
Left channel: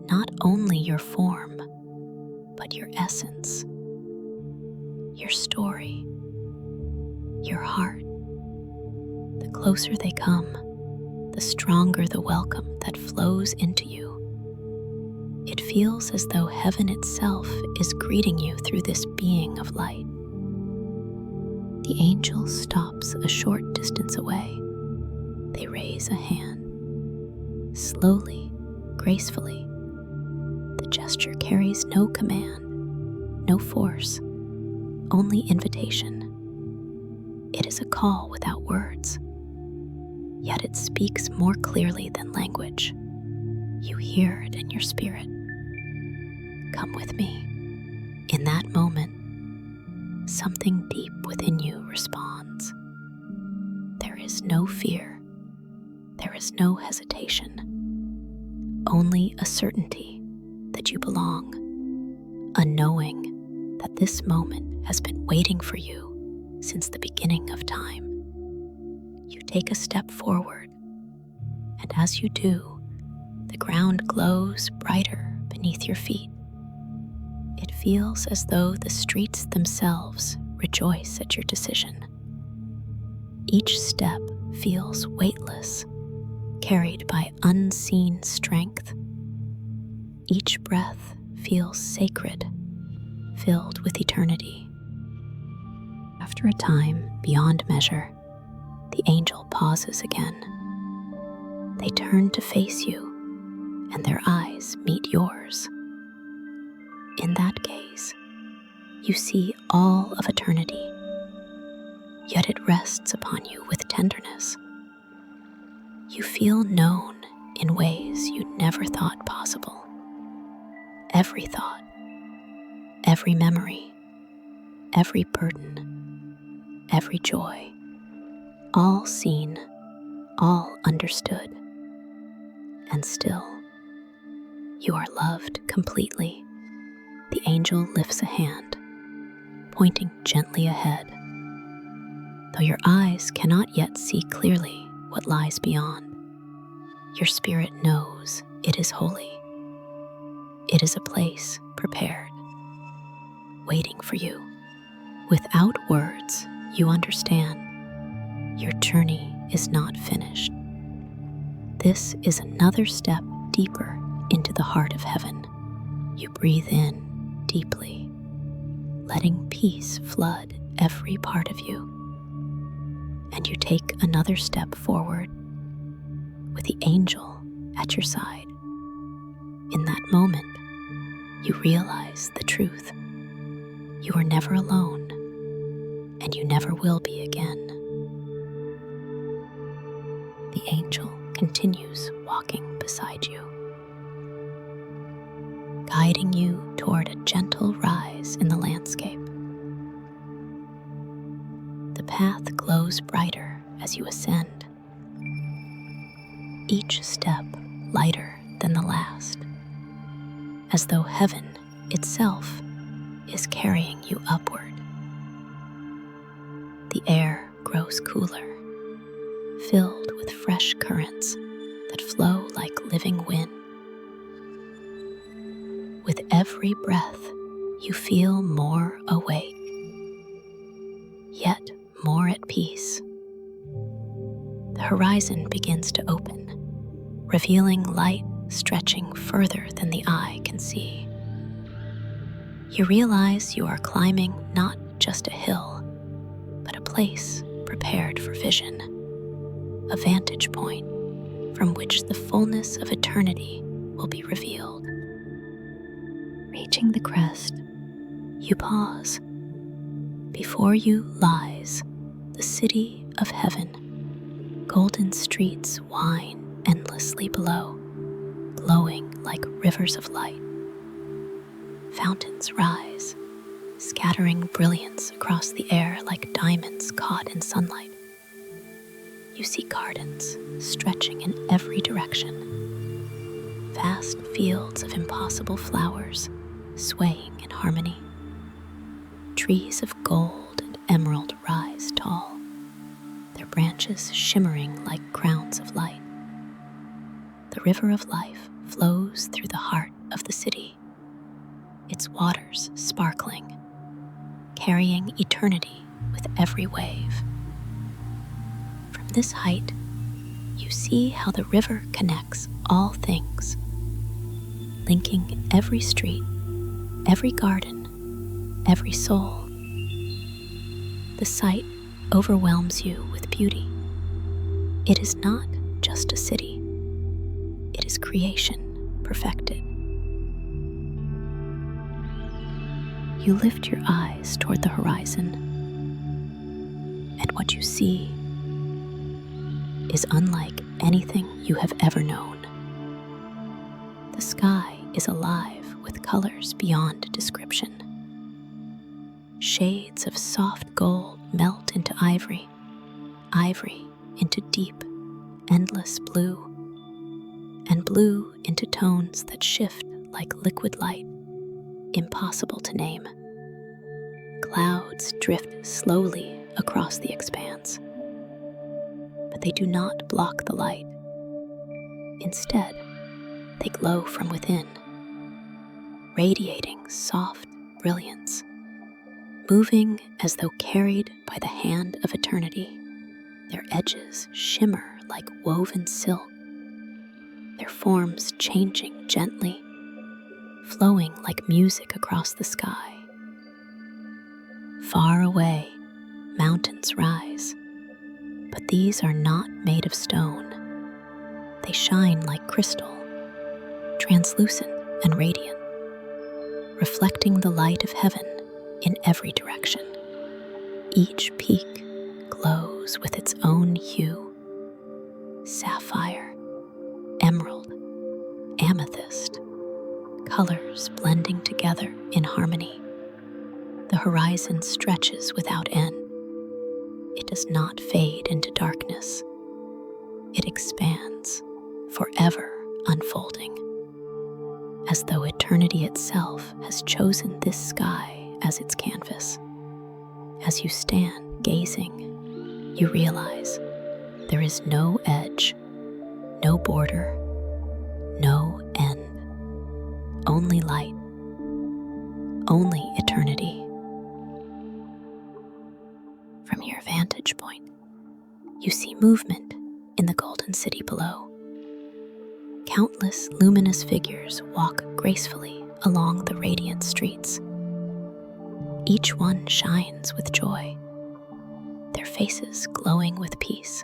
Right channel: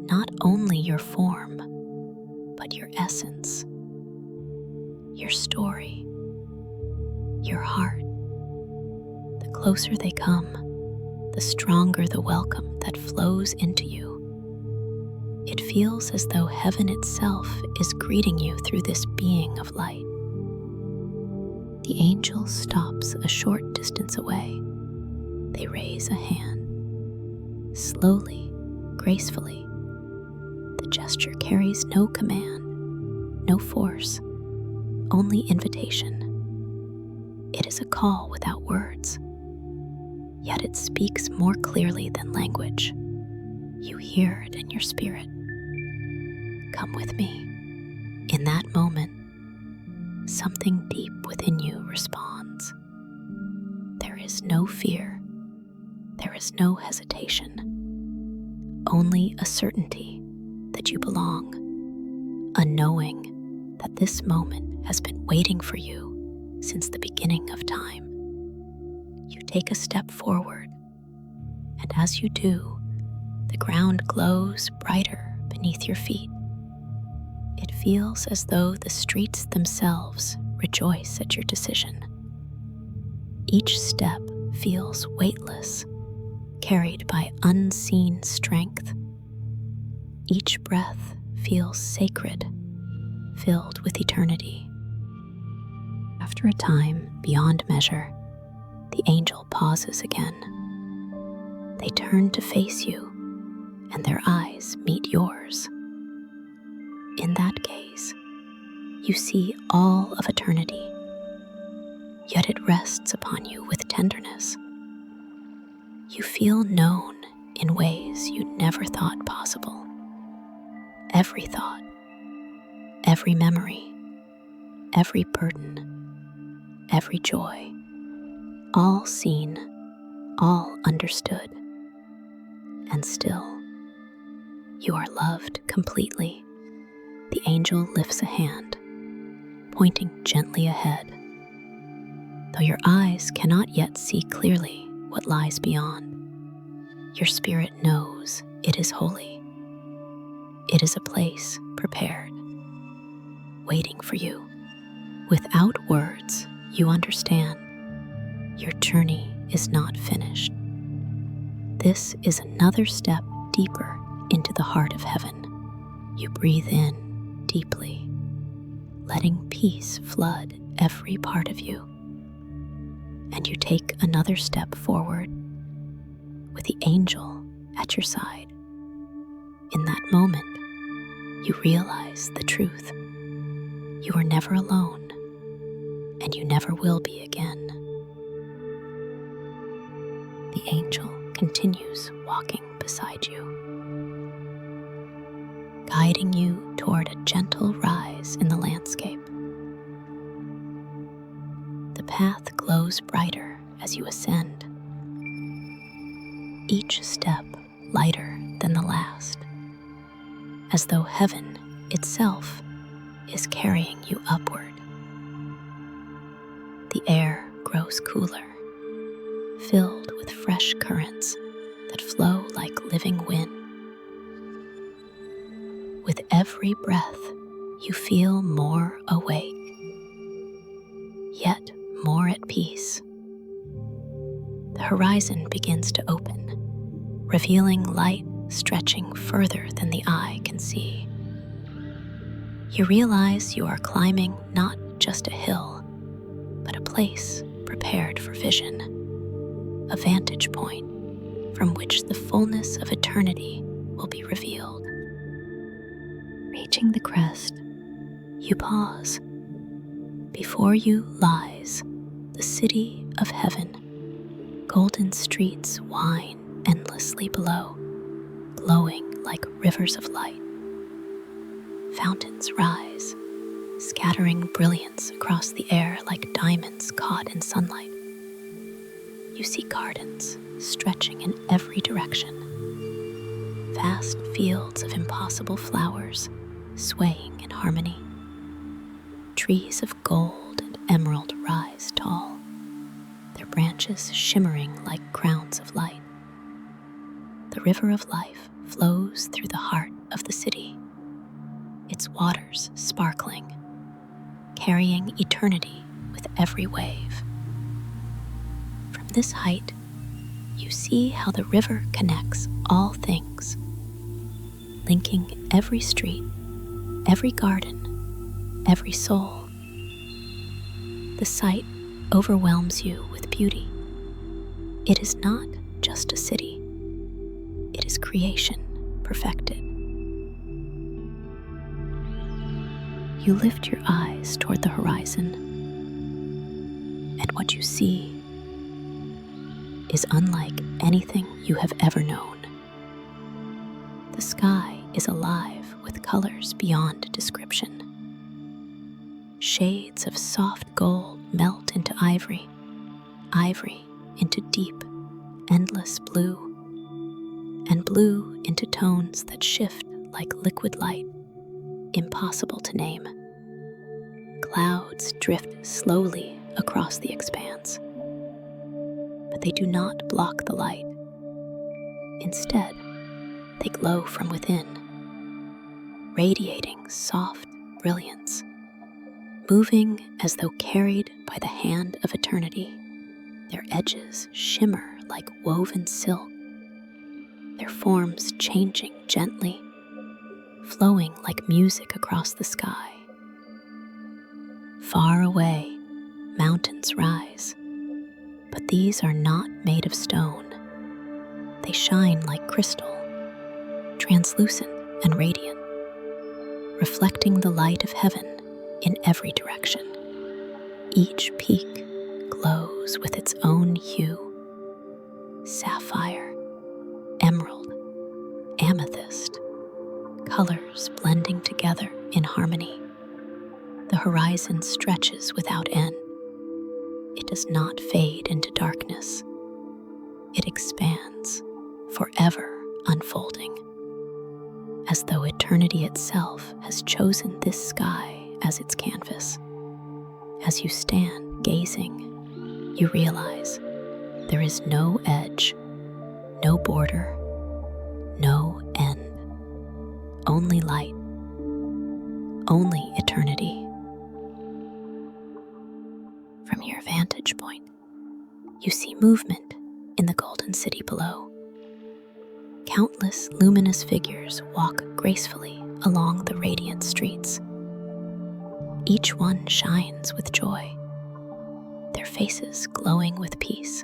not only your form, but your essence, your story, your heart. The closer they come, the stronger the welcome that flows into you. It feels as though heaven itself is greeting you through this being of light. The angel stops a short distance away. They raise a hand, slowly, gracefully, The gesture carries no command, no force, only invitation. It is a call without words, yet it speaks more clearly than language. You hear it in your spirit. Come with me. In that moment, something deep within you responds. There is no fear. There is no hesitation. Only a certainty that you belong, a knowing that this moment has been waiting for you since the beginning of time. You take a step forward, and as you do, the ground glows brighter beneath your feet. It feels as though the streets themselves rejoice at your decision. Each step feels weightless, carried by unseen strength. Each breath feels sacred, filled with eternity. After a time beyond measure, the angel pauses again. They turn to face you, and their eyes meet yours. In that gaze, you see all of eternity, yet it rests upon you with tenderness. You feel known in ways you never thought possible. Every thought, every memory, every burden, every joy, all seen, all understood. And still, you are loved completely. The angel lifts a hand, pointing gently ahead. Though your eyes cannot yet see clearly what lies beyond, your spirit knows it is holy. It is a place prepared, waiting for you. Without words, you understand your journey is not finished. This is another step deeper into the heart of heaven. You breathe in deeply, letting peace flood every part of you. And you take another step forward with the angel at your side. In that moment, you realize the truth. You are never alone, and you never will be again. The angel continues walking beside you, guiding you toward a gentle rise in the landscape. The path glows brighter as you ascend, each step lighter than the last, as though heaven itself is carrying you upward. The air grows cooler, filled with fresh currents that flow like living wind. With every breath, you feel more awake, yet more at peace. The horizon begins to open, revealing light stretching further than the eye can see. You realize you are climbing not just a hill, but a place prepared for vision, a vantage point from which the fullness of eternity will be revealed. Reaching the crest, you pause. Before you lies the city of heaven. Golden streets wind endlessly below, glowing like rivers of light. Fountains rise, scattering brilliance across the air like diamonds caught in sunlight. You see gardens stretching in every direction, vast fields of impossible flowers swaying in harmony. Trees of gold and emerald rise tall, their branches shimmering like crowns of light. The river of life flows through the heart of the city, its waters sparkling, carrying eternity with every wave. From this height, you see how the river connects all things, linking every street, every garden, every soul. The sight overwhelms you with beauty. It is not just a city. It is creation perfected. You lift your eyes toward the horizon, and what you see is unlike anything you have ever known. The sky is alive with colors beyond description. Shades of soft gold melt into ivory, ivory into deep, endless blue, and blue into tones that shift like liquid light, impossible to name. Clouds drift slowly across the expanse, but they do not block the light. Instead, they glow from within, radiating soft brilliance, moving as though carried by the hand of eternity. Their edges shimmer like woven silk, their forms changing gently, flowing like music across the sky. Far away, mountains rise, but these are not made of stone. They shine like crystal, translucent and radiant, reflecting the light of heaven in every direction. Each peak glows with its own hue: sapphire, emerald, amethyst, colors blending together in harmony. The horizon stretches without end. It does not fade into darkness. It expands, forever unfolding, as though eternity itself has chosen this sky as its canvas. As you stand gazing, you realize there is no edge, no border, no end. Only light, only eternity. From your vantage point, you see movement in the golden city below. Countless luminous figures walk gracefully along the radiant streets. Each one shines with joy, their faces glowing with peace,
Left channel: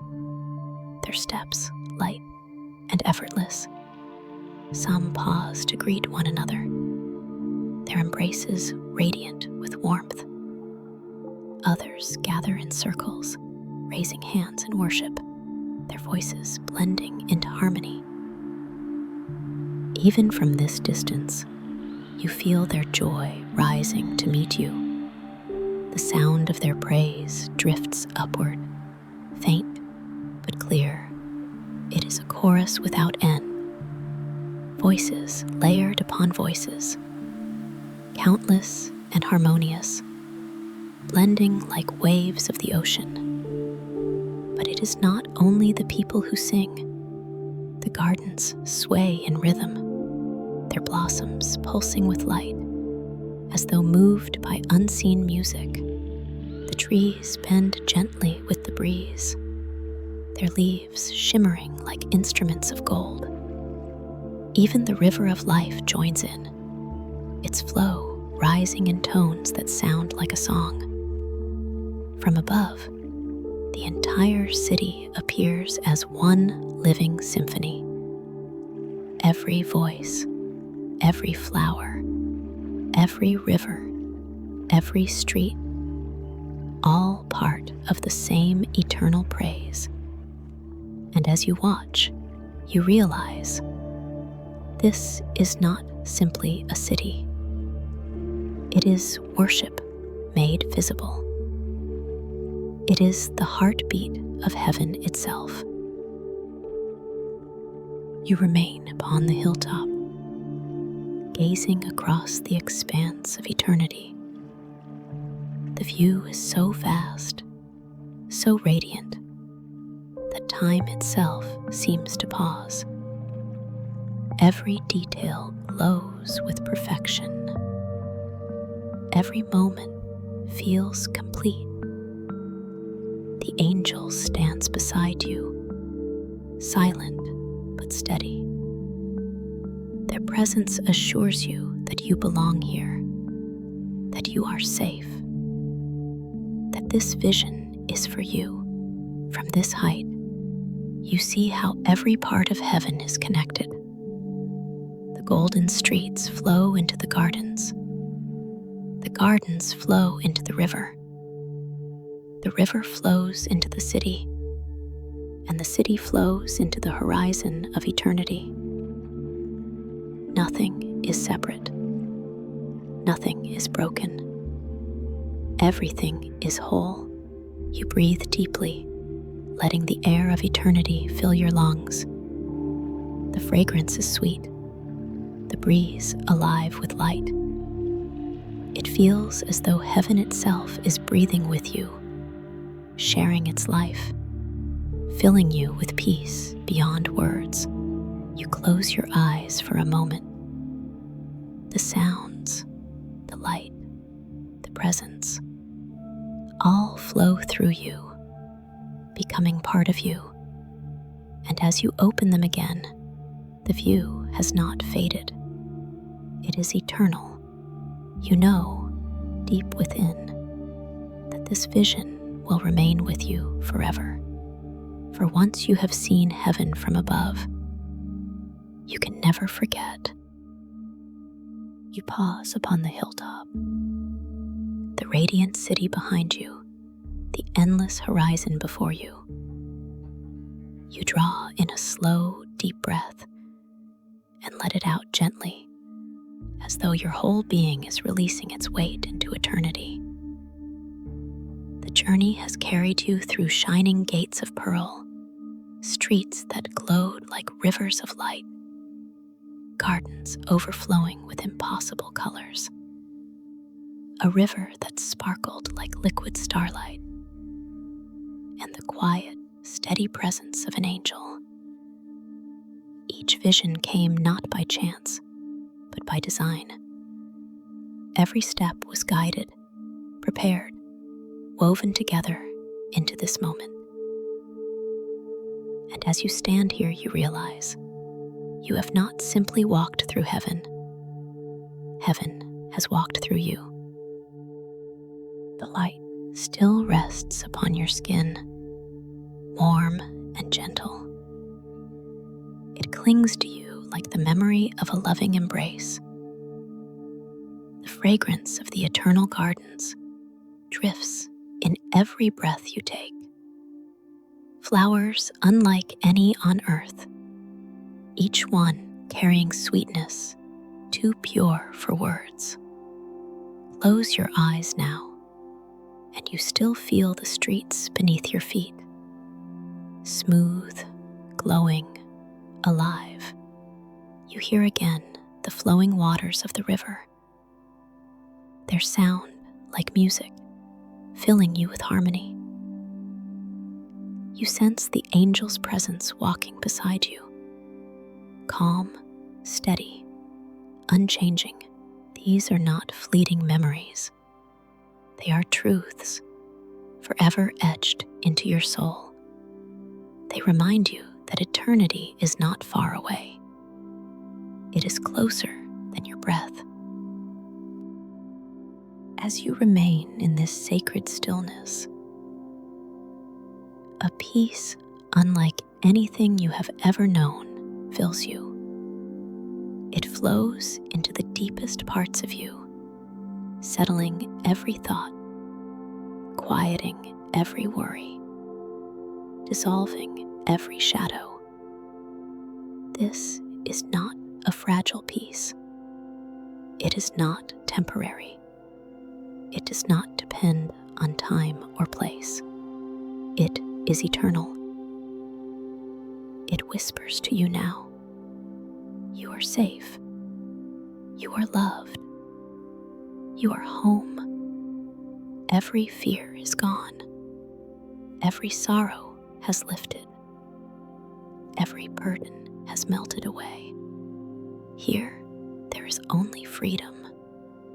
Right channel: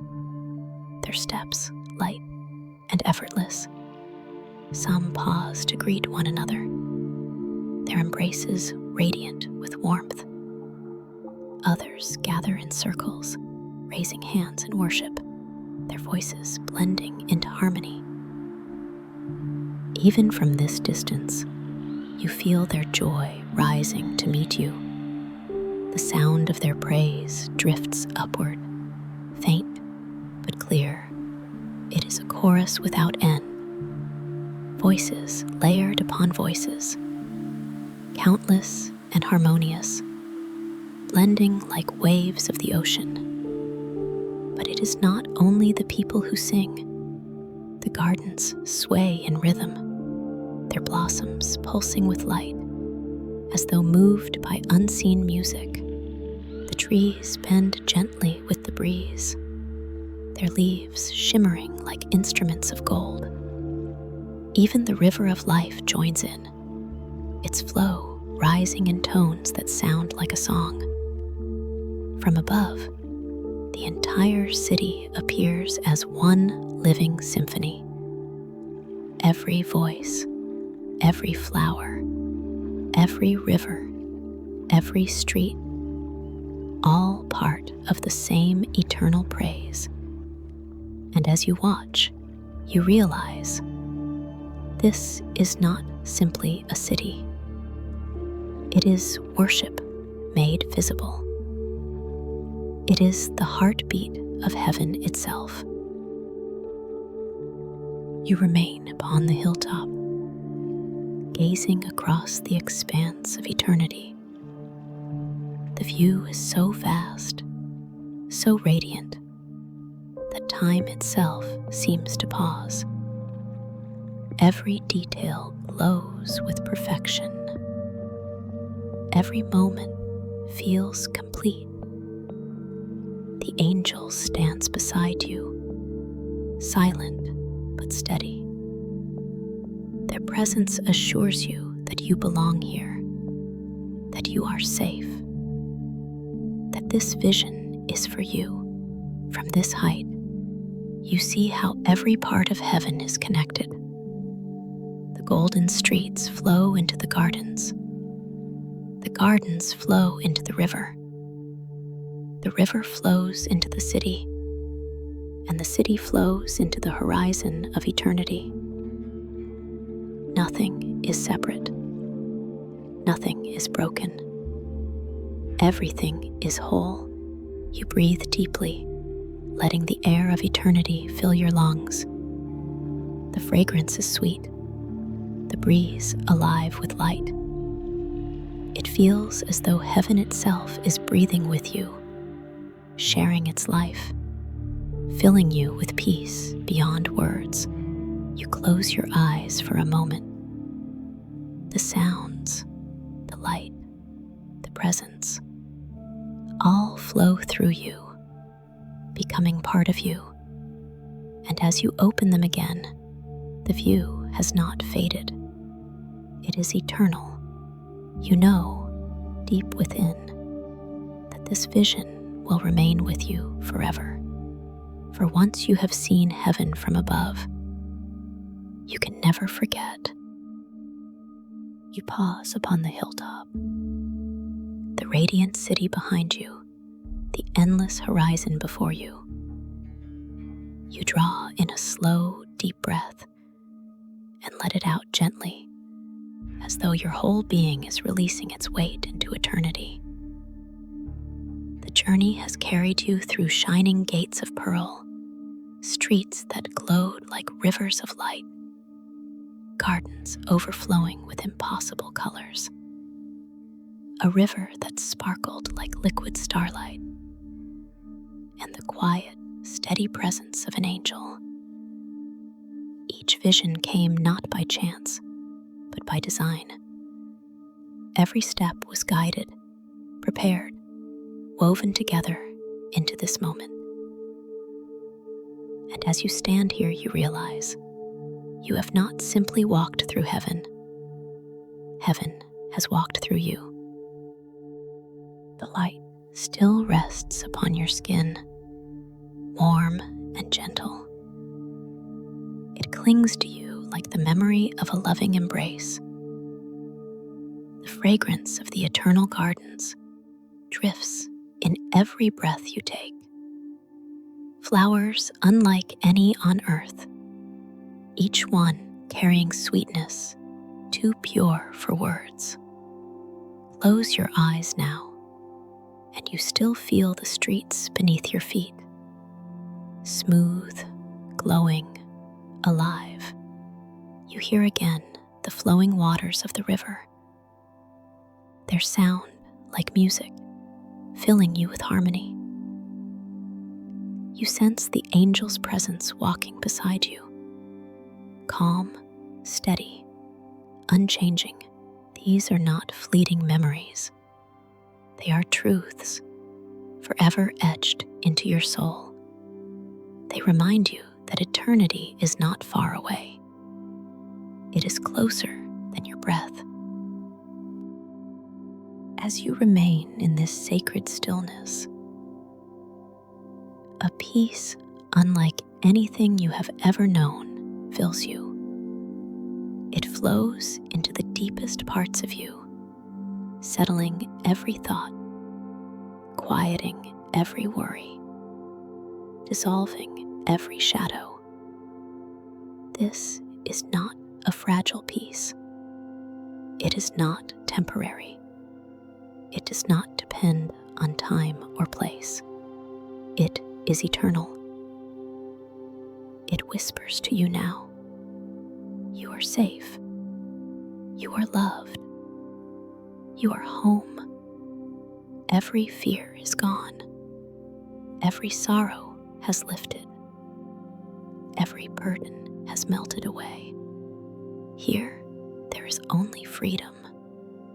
their steps light and effortless. Some pause to greet one another, their embraces radiant with warmth. Others gather in circles, raising hands in worship, their voices blending into harmony. Even from this distance, you feel their joy rising to meet you. The sound of their praise drifts upward, faint but clear. It is a chorus without end. Voices layered upon voices, countless and harmonious, blending like waves of the ocean. But it is not only the people who sing. The gardens sway in rhythm, their blossoms pulsing with light, as though moved by unseen music. The trees bend gently with the breeze, their leaves shimmering like instruments of gold. Even the river of life joins in, its flow rising in tones that sound like a song. From above, the entire city appears as one living symphony. Every voice, every flower, every river, every street, all part of the same eternal praise. And as you watch, you realize this is not simply a city. It is worship made visible. It is the heartbeat of heaven itself. You remain upon the hilltop, gazing across the expanse of eternity. The view is so vast, so radiant, that time itself seems to pause. Every detail glows with perfection. Every moment feels complete. The angel stands beside you, silent but steady. Their presence assures you that you belong here, that you are safe, that this vision is for you. From this height, you see how every part of heaven is connected. The golden streets flow into the gardens gardens flow into the river. The river flows into the city, and the city flows into the horizon of eternity. Nothing is separate. Nothing is broken. Everything is whole. You breathe deeply, letting the air of eternity fill your lungs. The fragrance is sweet, the breeze alive with light. It feels as though heaven itself is breathing with you, sharing its life, filling you with peace beyond words. You close your eyes for a moment. The sounds, the light, the presence, all flow through you, becoming part of you. And as you open them again, the view has not faded. It is eternal. You know, deep within, that this vision will remain with you forever. For once you have seen heaven from above, you can never forget. You pause upon the hilltop, the radiant city behind you, the endless horizon before you. You draw in a slow, deep breath and let it out gently, as though your whole being is releasing its weight into eternity. The journey has carried you through shining gates of pearl, streets that glowed like rivers of light, gardens overflowing with impossible colors, a river that sparkled like liquid starlight, and the quiet, steady presence of an angel. Each vision came not by chance, but by design. Every step was guided, prepared, woven together into this moment. And as you stand here, you realize you have not simply walked through heaven. Heaven has walked through you. The light still rests upon your skin, warm and gentle. It clings to you like the memory of a loving embrace. The fragrance of the eternal gardens drifts in every breath you take. Flowers unlike any on earth, each one carrying sweetness too pure for words. Close your eyes now, and you still feel the streets beneath your feet. Smooth, glowing, alive. You hear again the flowing waters of the river. Their sound like music, filling you with harmony. You sense the angel's presence walking beside you. Calm, steady, unchanging. These are not fleeting memories. They are truths, forever etched into your soul. They remind you that eternity is not far away. It is closer than your breath. As you remain in this sacred stillness, a peace unlike anything you have ever known fills you. It flows into the deepest parts of you, settling every thought, quieting every worry, dissolving every shadow. This is not a fragile peace. It is not temporary. It does not depend on time or place. It is eternal. It whispers to you now. You are safe. You are loved. You are home. Every fear is gone. Every sorrow has lifted. Every burden has melted away. Here, there is only freedom,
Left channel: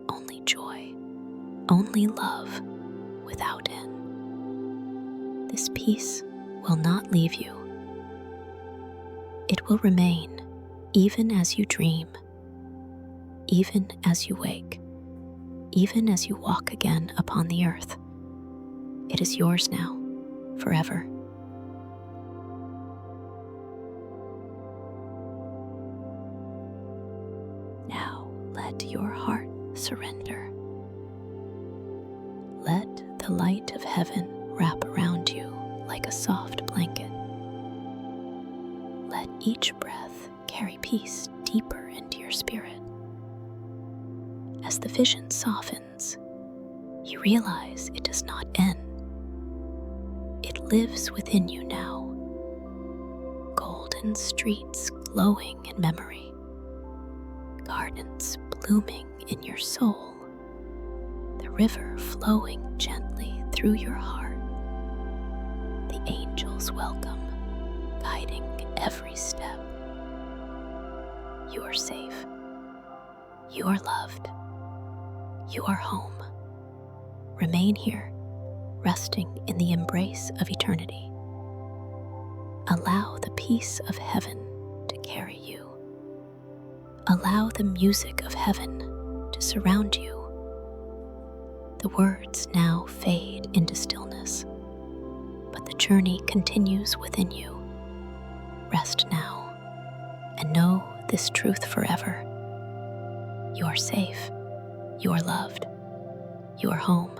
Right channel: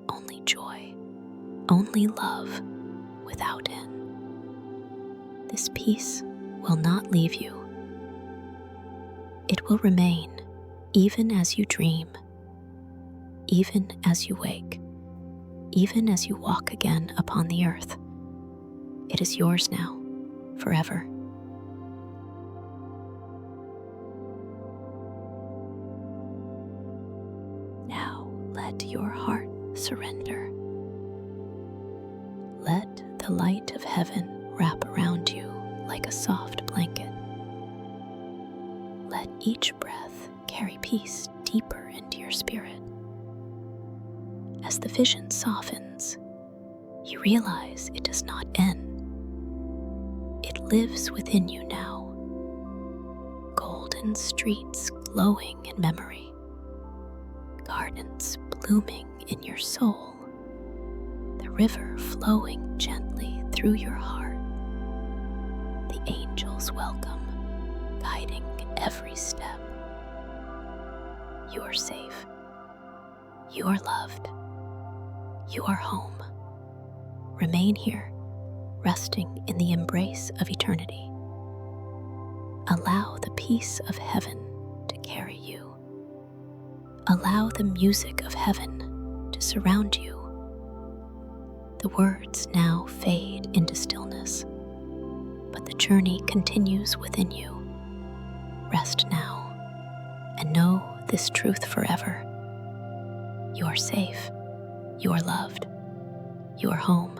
only joy, only love without end. This peace will not leave you. It will remain even as you dream, even as you wake, even as you walk again upon the earth. It is yours now, forever. Now let your heart surrender. the light of heaven wrap around you like a soft blanket. Let each breath carry peace deeper into your spirit. As the vision softens, you realize it does not end. It lives within you now, golden streets glowing in memory, gardens blooming in your soul, the river flowing gently through your heart, the angels welcome, guiding every step. You are safe. You are loved. You are home. Remain here, resting in the embrace of eternity. Allow the peace of heaven to carry you. Allow the music of heaven to surround you. The words now fade into stillness, but the journey continues within you. Rest now, and know this truth forever. You are safe. You are loved. You are home.